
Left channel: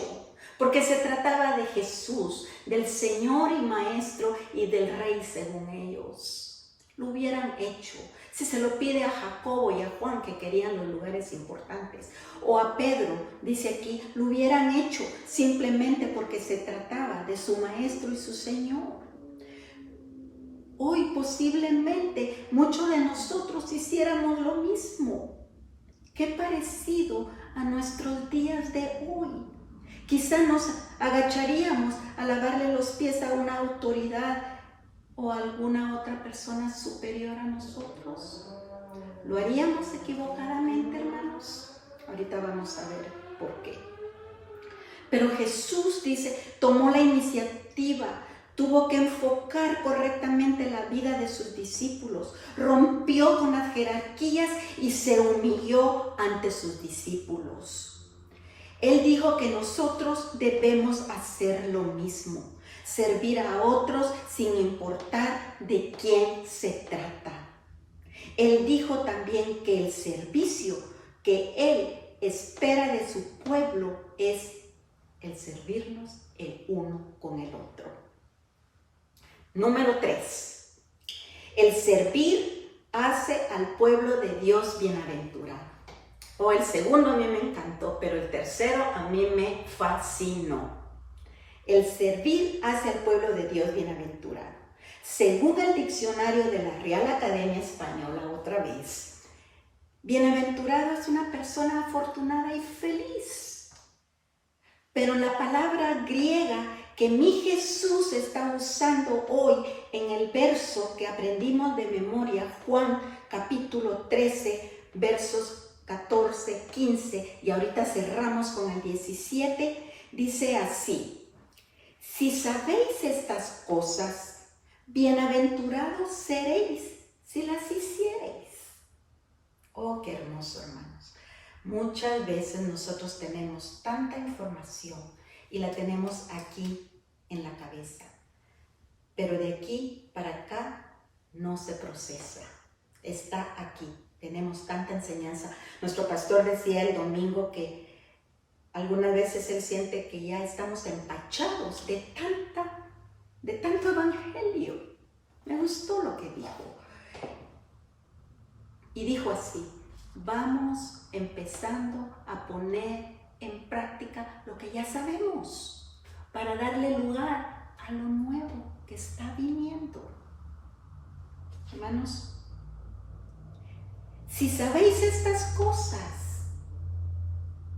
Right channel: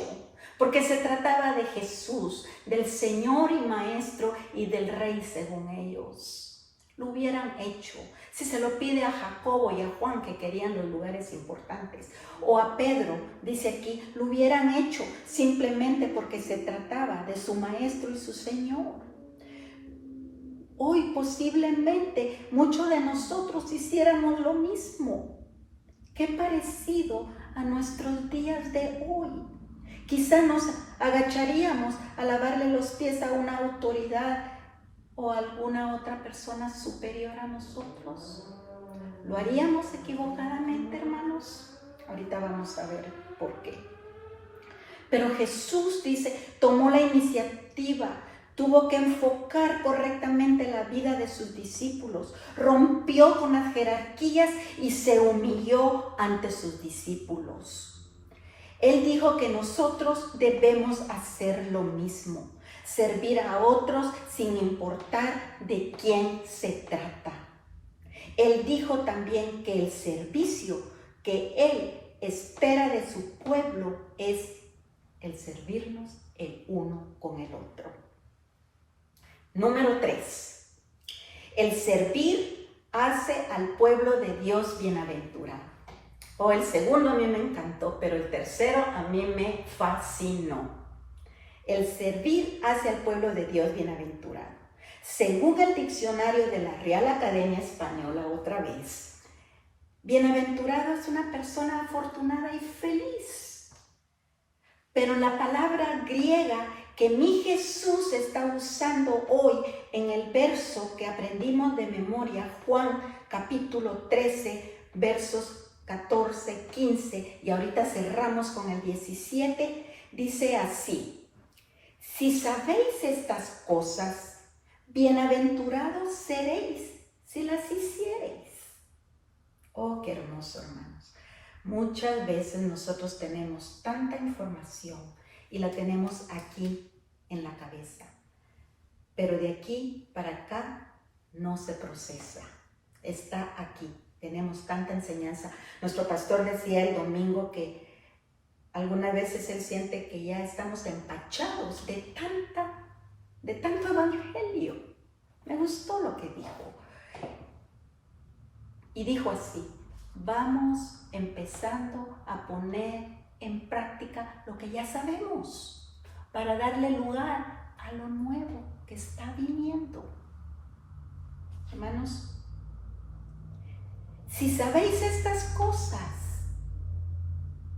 Porque se trataba de Jesús, del Señor y Maestro y del Rey según ellos. Lo hubieran hecho. Si se lo pide a Jacobo y a Juan, que querían los lugares importantes, o a Pedro, dice aquí, lo hubieran hecho simplemente porque se trataba de su Maestro y su Señor. Hoy posiblemente muchos de nosotros hiciéramos lo mismo. Qué parecido a nuestros días de hoy. Quizá nos agacharíamos a lavarle los pies a una autoridad o a alguna otra persona superior a nosotros. ¿Lo haríamos equivocadamente, hermanos? Ahorita vamos a ver por qué. Pero Jesús, dice, tomó la iniciativa, tuvo que enfocar correctamente la vida de sus discípulos, rompió con las jerarquías y se humilló ante sus discípulos. Él dijo que nosotros debemos hacer lo mismo, servir a otros sin importar de quién se trata. Él dijo también que el servicio que Él espera de su pueblo es el servirnos el uno con el otro. Número 3. El servir hace al pueblo de Dios bienaventurado. El segundo a mí me encantó, pero el tercero a mí me fascinó. El servir hace al pueblo de Dios bienaventurado. Según el diccionario de la Real Academia Española, otra vez, bienaventurado es una persona afortunada y feliz. Pero la palabra griega que mi Jesús está usando hoy en el verso que aprendimos de memoria, Juan capítulo 13, versos 14, 15, y ahorita cerramos con el 17, dice así: si sabéis estas cosas, bienaventurados seréis si las hiciereis. Oh, qué hermoso, hermanos. Muchas veces nosotros tenemos tanta información y la tenemos aquí en la cabeza, pero de aquí para acá no se procesa, está aquí. Tenemos tanta enseñanza. Nuestro pastor decía el domingo que algunas veces él siente que ya estamos empachados de tanto evangelio. Me gustó lo que dijo. Y dijo así: vamos empezando a poner en práctica lo que ya sabemos para darle lugar a lo nuevo que está viniendo. Hermanos, si sabéis estas cosas,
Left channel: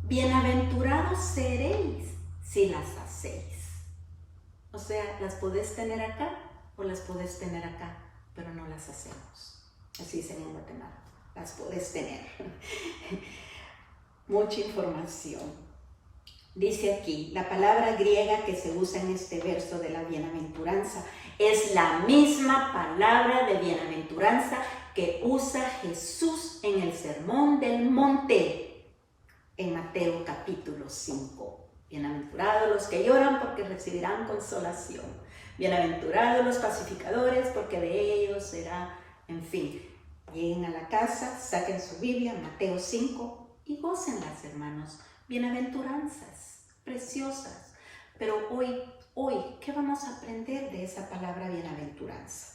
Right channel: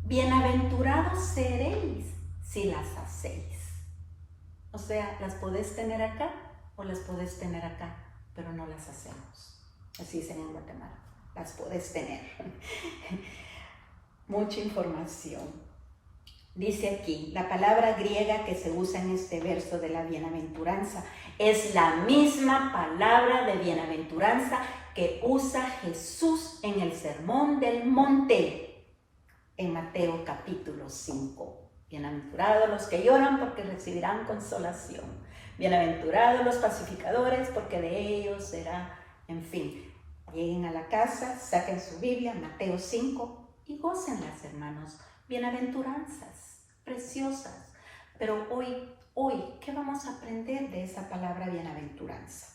bienaventurados seréis si las hacéis. O sea, las podés tener acá o las podés tener acá, pero no las hacemos. Así dicen en Guatemala, las podés tener. Mucha información. Dice aquí, la palabra griega que se usa en este verso de la bienaventuranza Es la misma palabra de bienaventuranza que usa Jesús en el Sermón del Monte, en Mateo capítulo 5. Bienaventurados los que lloran porque recibirán consolación. Bienaventurados los pacificadores porque de ellos será, en fin. Lleguen a la casa, saquen su Biblia, Mateo 5, y gócenlas, hermanos. Bienaventuranzas, preciosas. Pero hoy, ¿qué vamos a aprender de esa palabra bienaventuranza?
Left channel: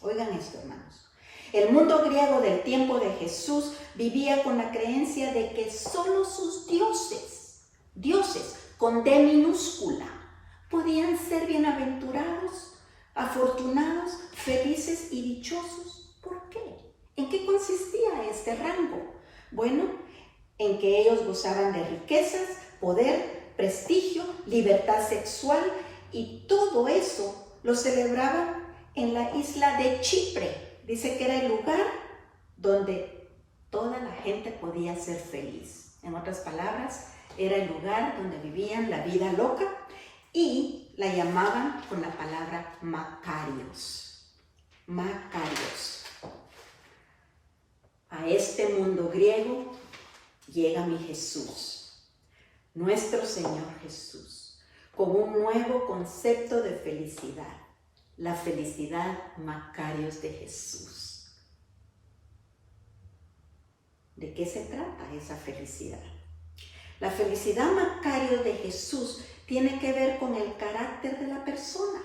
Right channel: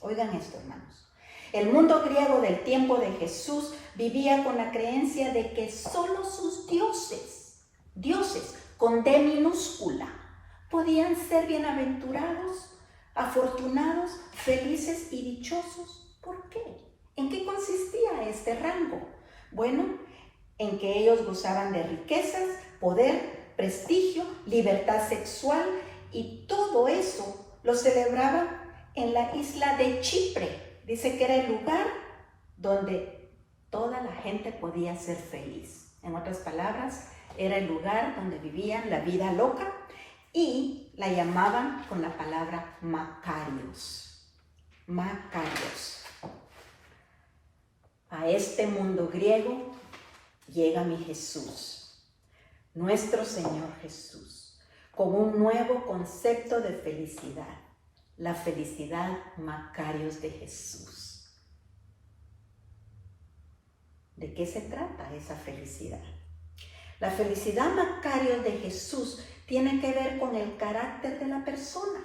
Oigan esto, hermanos. El mundo griego del tiempo de Jesús vivía con la creencia de que solo sus dioses con D minúscula, podían ser bienaventurados, afortunados, felices y dichosos. ¿Por qué? ¿En qué consistía este rango? Bueno, en que ellos gozaban de riquezas, poder, prestigio, libertad sexual, y todo eso lo celebraban en la isla de Chipre. Dice que era el lugar donde toda la gente podía ser feliz. En otras palabras, era el lugar donde vivían la vida loca y la llamaban con la palabra Macarios. Macarios. A este mundo griego llega mi Jesús, nuestro Señor Jesús, con un nuevo concepto de felicidad, la felicidad Macarios de Jesús. ¿De qué se trata esa felicidad? La felicidad Macarios de Jesús tiene que ver con el carácter de la persona,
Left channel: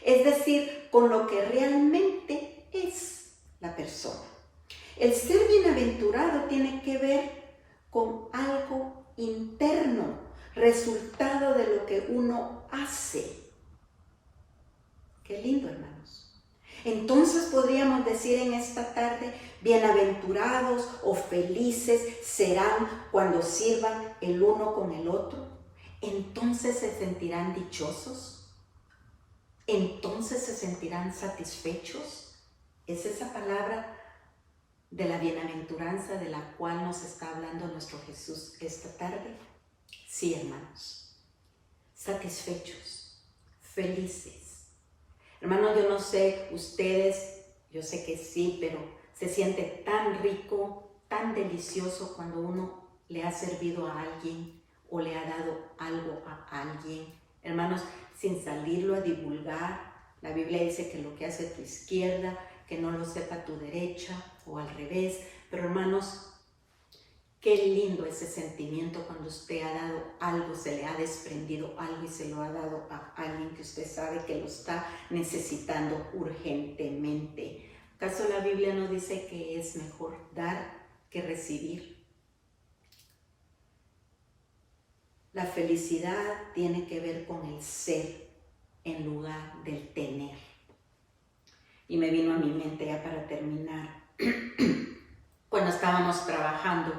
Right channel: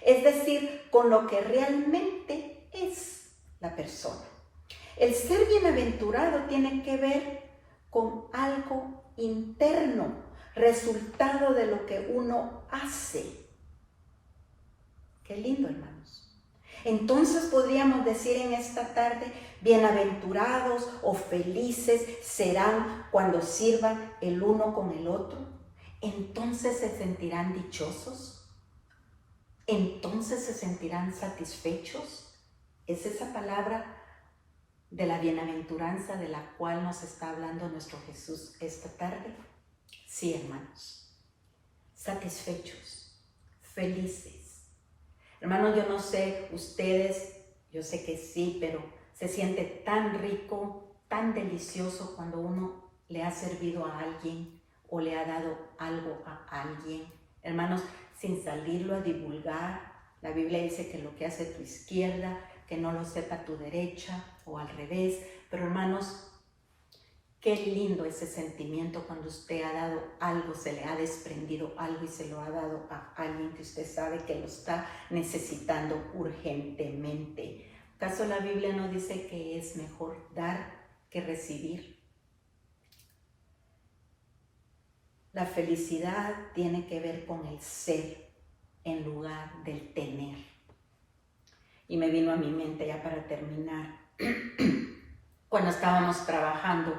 es decir, con lo que realmente es la persona. El ser bienaventurado tiene que ver con algo interno, resultado de lo que uno hace. Qué lindo, hermanos. Entonces podríamos decir en esta tarde, bienaventurados o felices serán cuando sirvan el uno con el otro. Entonces se sentirán dichosos. Entonces se sentirán satisfechos. Es esa palabra de la bienaventuranza de la cual nos está hablando nuestro Jesús esta tarde. Sí, hermanos, satisfechos, felices. Hermanos, yo no sé ustedes, yo sé que sí, pero se siente tan rico, tan delicioso cuando uno le ha servido a alguien o le ha dado algo a alguien. Hermanos, sin salirlo a divulgar, la Biblia dice que lo que hace tu izquierda, que no lo sepa tu derecha o al revés. Pero hermanos, qué lindo ese sentimiento cuando usted ha dado algo, se le ha desprendido algo y se lo ha dado a alguien que usted sabe que lo está necesitando urgentemente. ¿Acaso la Biblia no dice que es mejor dar que recibir? La felicidad tiene que ver con el ser en lugar del tener. Y me vino a mi mente ya para terminar, cuando estábamos trabajando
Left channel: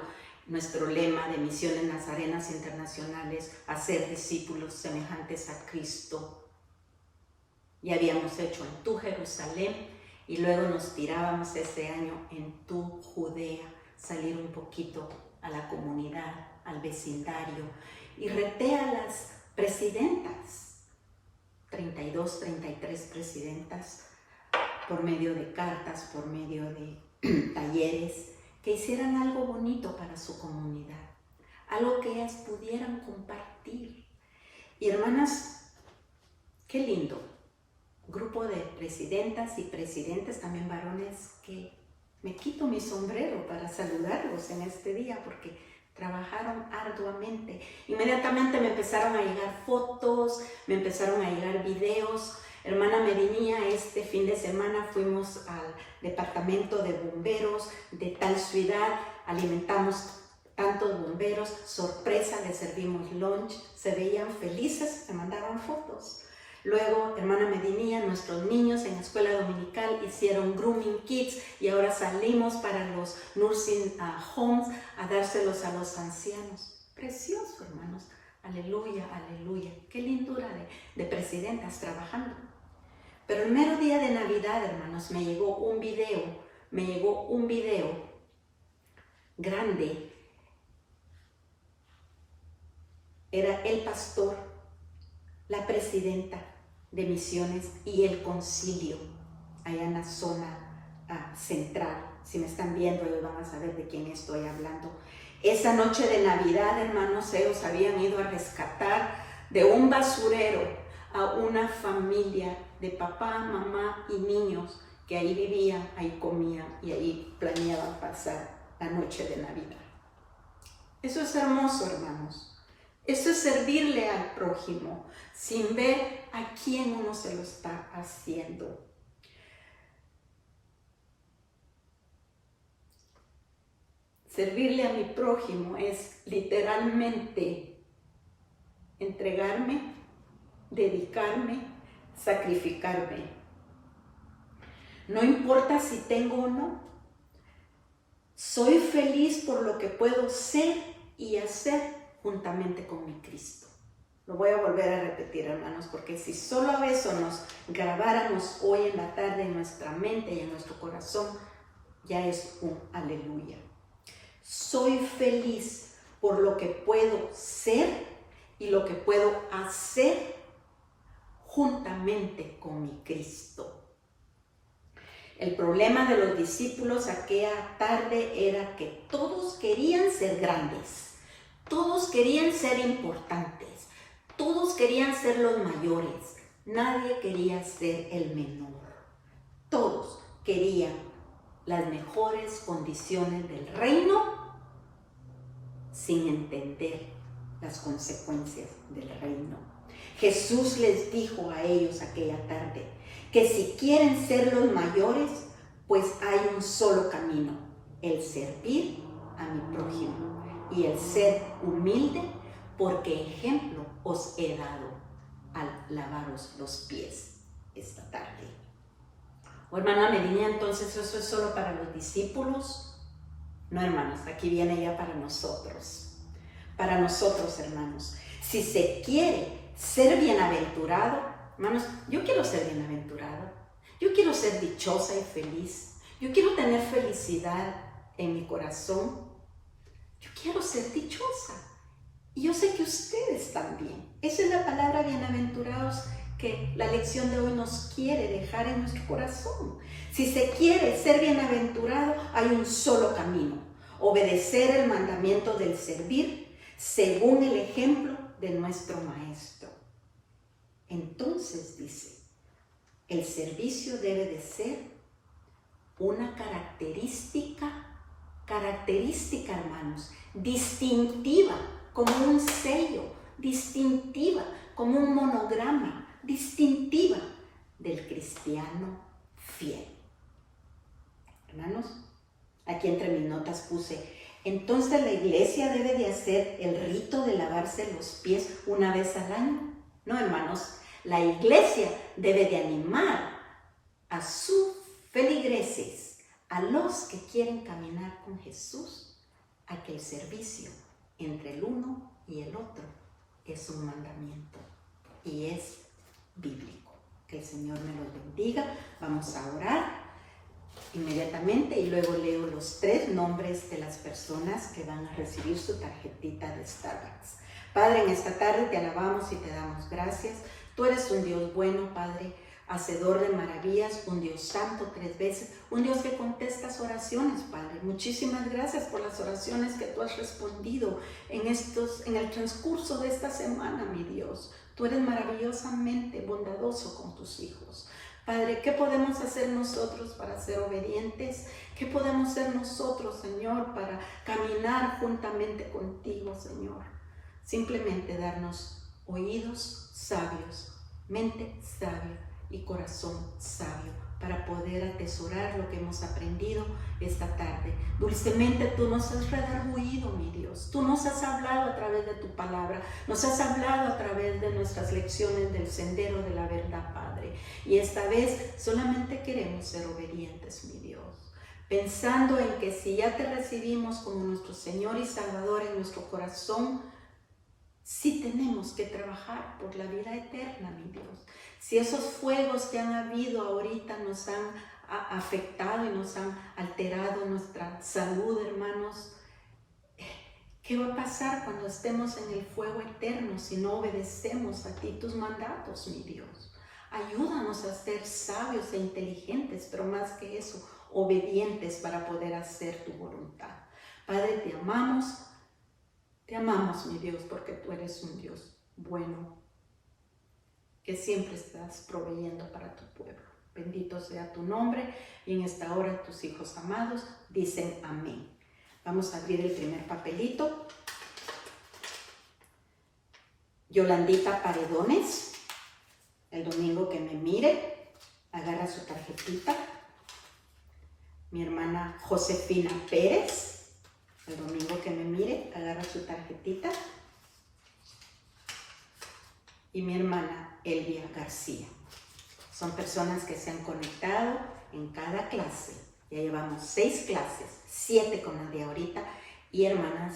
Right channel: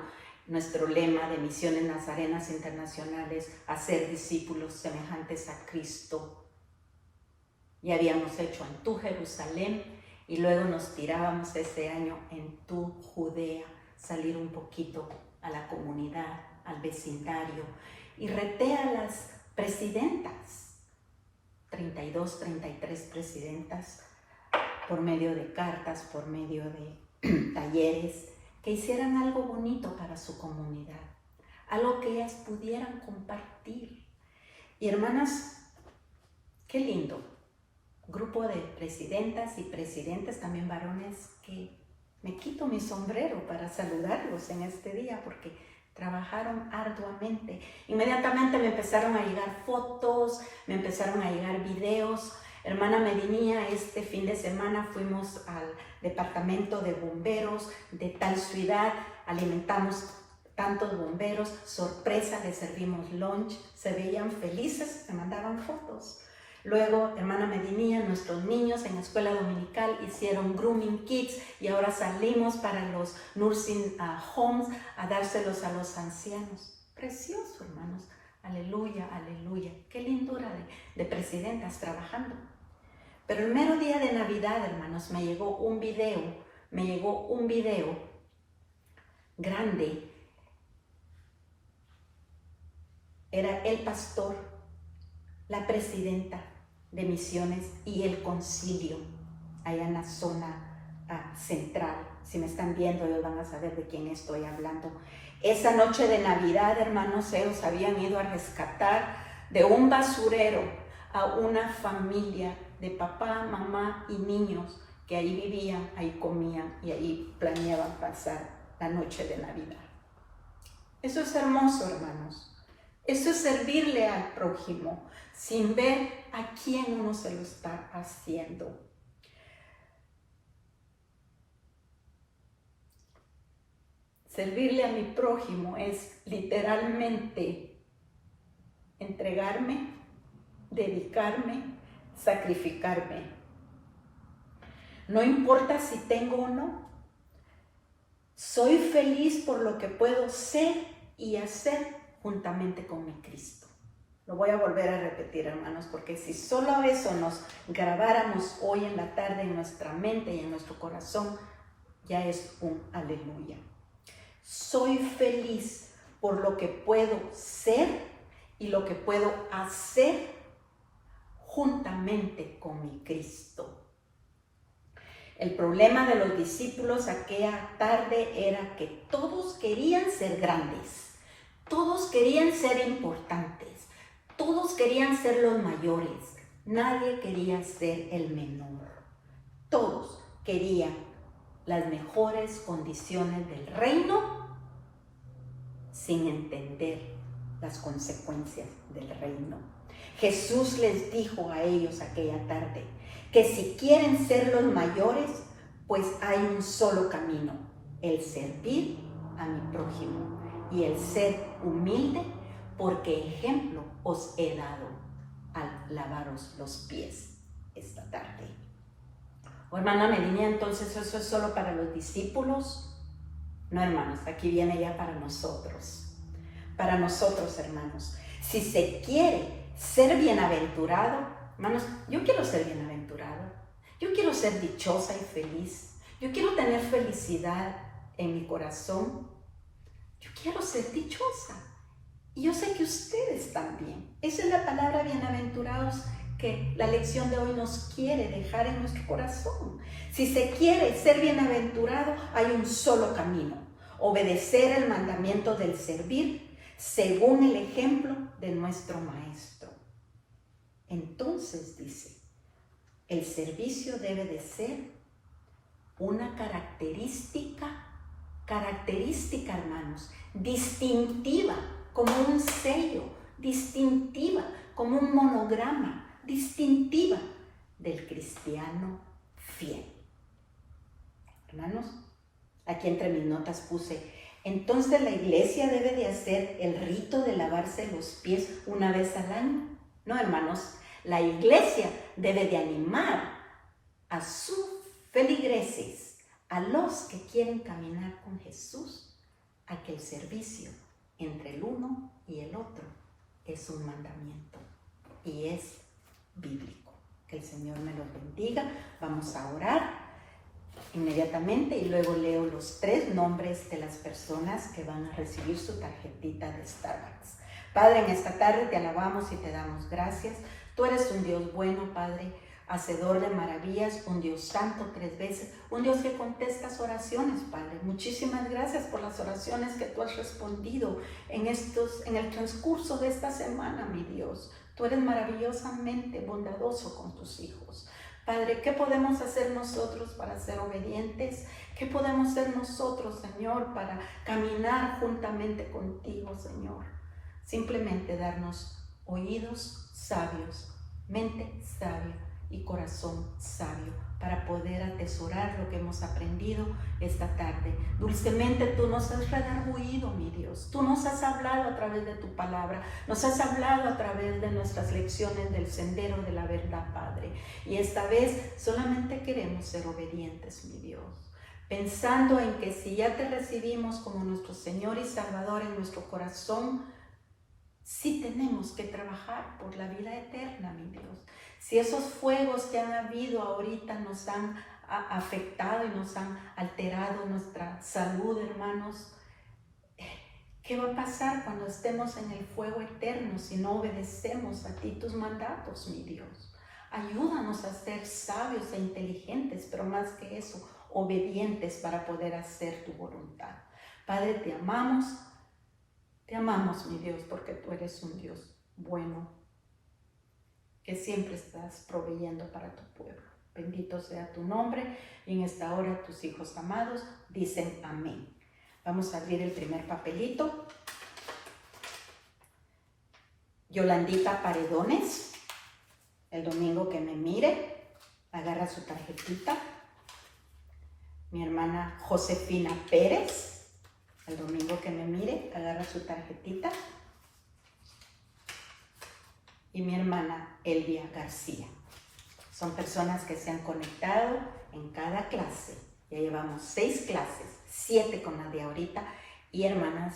nuestro lema de Misiones Nazarenas Internacionales, hacer discípulos semejantes a Cristo. Ya habíamos hecho en Tu Jerusalén y luego nos tirábamos ese año en Tu Judea, salir un poquito a la comunidad, al vecindario, y reté a las presidentas, 32, 33 presidentas, por medio de cartas, por medio de talleres, que hicieran algo bonito para su comunidad, algo que ellas pudieran compartir. Y hermanas, qué lindo, grupo de presidentas y presidentes, también varones, que me quito mi sombrero para saludarlos en este día porque trabajaron arduamente. Inmediatamente me empezaron a llegar fotos, me empezaron a llegar videos. Hermana Medinía, este fin de semana fuimos al departamento de bomberos de tal ciudad, alimentamos tantos bomberos, sorpresa, les servimos lunch, se veían felices, me mandaban fotos. Luego, hermana Medinía, nuestros niños en la escuela dominical hicieron grooming kits y ahora salimos para los nursing homes a dárselos a los ancianos. Precioso, hermanos. Aleluya, aleluya. Qué lindura de presidentas trabajando. Pero el mero día de Navidad, hermanos, me llegó un video grande. Era el pastor, la presidenta, de Misiones y el Concilio, allá en la zona central. Si me están viendo, ellos van a saber de quién estoy hablando. Esa noche de Navidad, hermanos, ellos habían ido a rescatar de un basurero a una familia de papá, mamá y niños que ahí vivían, ahí comían y ahí planeaban pasar la noche de Navidad. Eso es hermoso, hermanos. Eso es servirle al prójimo sin ver a quién uno se lo está haciendo. Servirle a mi prójimo es literalmente entregarme, dedicarme, sacrificarme. No importa si tengo o no, soy feliz por lo que puedo ser y hacer juntamente con mi Cristo. Lo voy a volver a repetir, hermanos, porque si solo eso nos grabáramos hoy en la tarde en nuestra mente y en nuestro corazón, ya es un aleluya. Soy feliz por lo que puedo ser y lo que puedo hacer juntamente con mi Cristo. El problema de los discípulos aquella tarde era que todos querían ser grandes, todos querían ser importantes, todos querían ser los mayores, nadie quería ser el menor. Todos querían las mejores condiciones del reino sin entender las consecuencias del reino. Jesús les dijo a ellos aquella tarde que si quieren ser los mayores, pues hay un solo camino, el servir a mi prójimo y el ser humilde, porque ejemplo os he dado al lavaros los pies esta tarde. Oh, hermana Melina, entonces eso es solo para los discípulos. No, hermanos, aquí viene ya para nosotros. Para nosotros, hermanos. Si se quiere ser bienaventurado, hermanos, yo quiero ser bienaventurado. Yo quiero ser dichosa y feliz. Yo quiero tener felicidad en mi corazón. Yo quiero ser dichosa. Y yo sé que ustedes también. Esa es la palabra bienaventurados que la lección de hoy nos quiere dejar en nuestro corazón. Si se quiere ser bienaventurado, hay un solo camino: obedecer el mandamiento del servir según el ejemplo de nuestro Maestro. Entonces dice, el servicio debe de ser una característica, hermanos, distintiva, como un sello, distintiva, como un monograma, distintiva del cristiano fiel. Hermanos, aquí entre mis notas puse, entonces la iglesia debe de hacer el rito de lavarse los pies una vez al año. No, hermanos, la iglesia debe de animar a sus feligreses, a los que quieren caminar con Jesús, a que el servicio entre el uno y el otro es un mandamiento y es bíblico. Que el Señor me los bendiga. Vamos a orar inmediatamente y luego leo los 3 nombres de las personas que van a recibir su tarjetita de Starbucks. Padre, en esta tarde te alabamos y te damos gracias. Tú eres un Dios bueno, Padre, hacedor de maravillas, un Dios santo 3 veces, un Dios que contestas oraciones, Padre. Muchísimas gracias por las oraciones que tú has respondido en el transcurso de esta semana, mi Dios. Tú eres maravillosamente bondadoso con tus hijos. Padre, ¿qué podemos hacer nosotros para ser obedientes? ¿Qué podemos hacer nosotros, Señor, para caminar juntamente contigo, Señor? Simplemente darnos oídos sabios, mente sabia y corazón sabio para poder atesorar lo que hemos aprendido esta tarde. Dulcemente tú nos has redarguido, mi Dios. Tú nos has hablado a través de tu palabra. Nos has hablado a través de nuestras lecciones del sendero de la verdad, Padre. Y esta vez solamente queremos ser obedientes, mi Dios. Pensando en que si ya te recibimos como nuestro Señor y Salvador en nuestro corazón, sí tenemos que trabajar por la vida eterna, mi Dios. Si esos fuegos que han habido ahorita nos han afectado y nos han alterado nuestra salud, hermanos, ¿qué va a pasar cuando estemos en el fuego eterno si no obedecemos a ti tus mandatos, mi Dios? Ayúdanos a ser sabios e inteligentes, pero más que eso, obedientes para poder hacer tu voluntad. Padre, te amamos, mi Dios, porque tú eres un Dios bueno, que siempre estás proveyendo para tu pueblo. Bendito sea tu nombre, y en esta hora tus hijos amados dicen amén. Vamos a abrir el primer papelito. Yolandita Paredones, el domingo que me mire, agarra su tarjetita. Mi hermana Josefina Pérez, el domingo que me mire, agarra su tarjetita. Y mi hermana Elvia García. Son personas que se han conectado en cada clase. Ya llevamos 6 clases, 7 con la de ahorita. Y hermanas,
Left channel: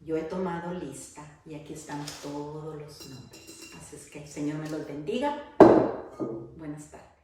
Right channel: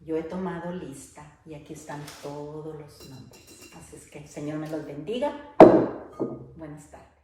yo he tomado lista y aquí están todos los nombres. Así es que el Señor me los bendiga. Buenas tardes.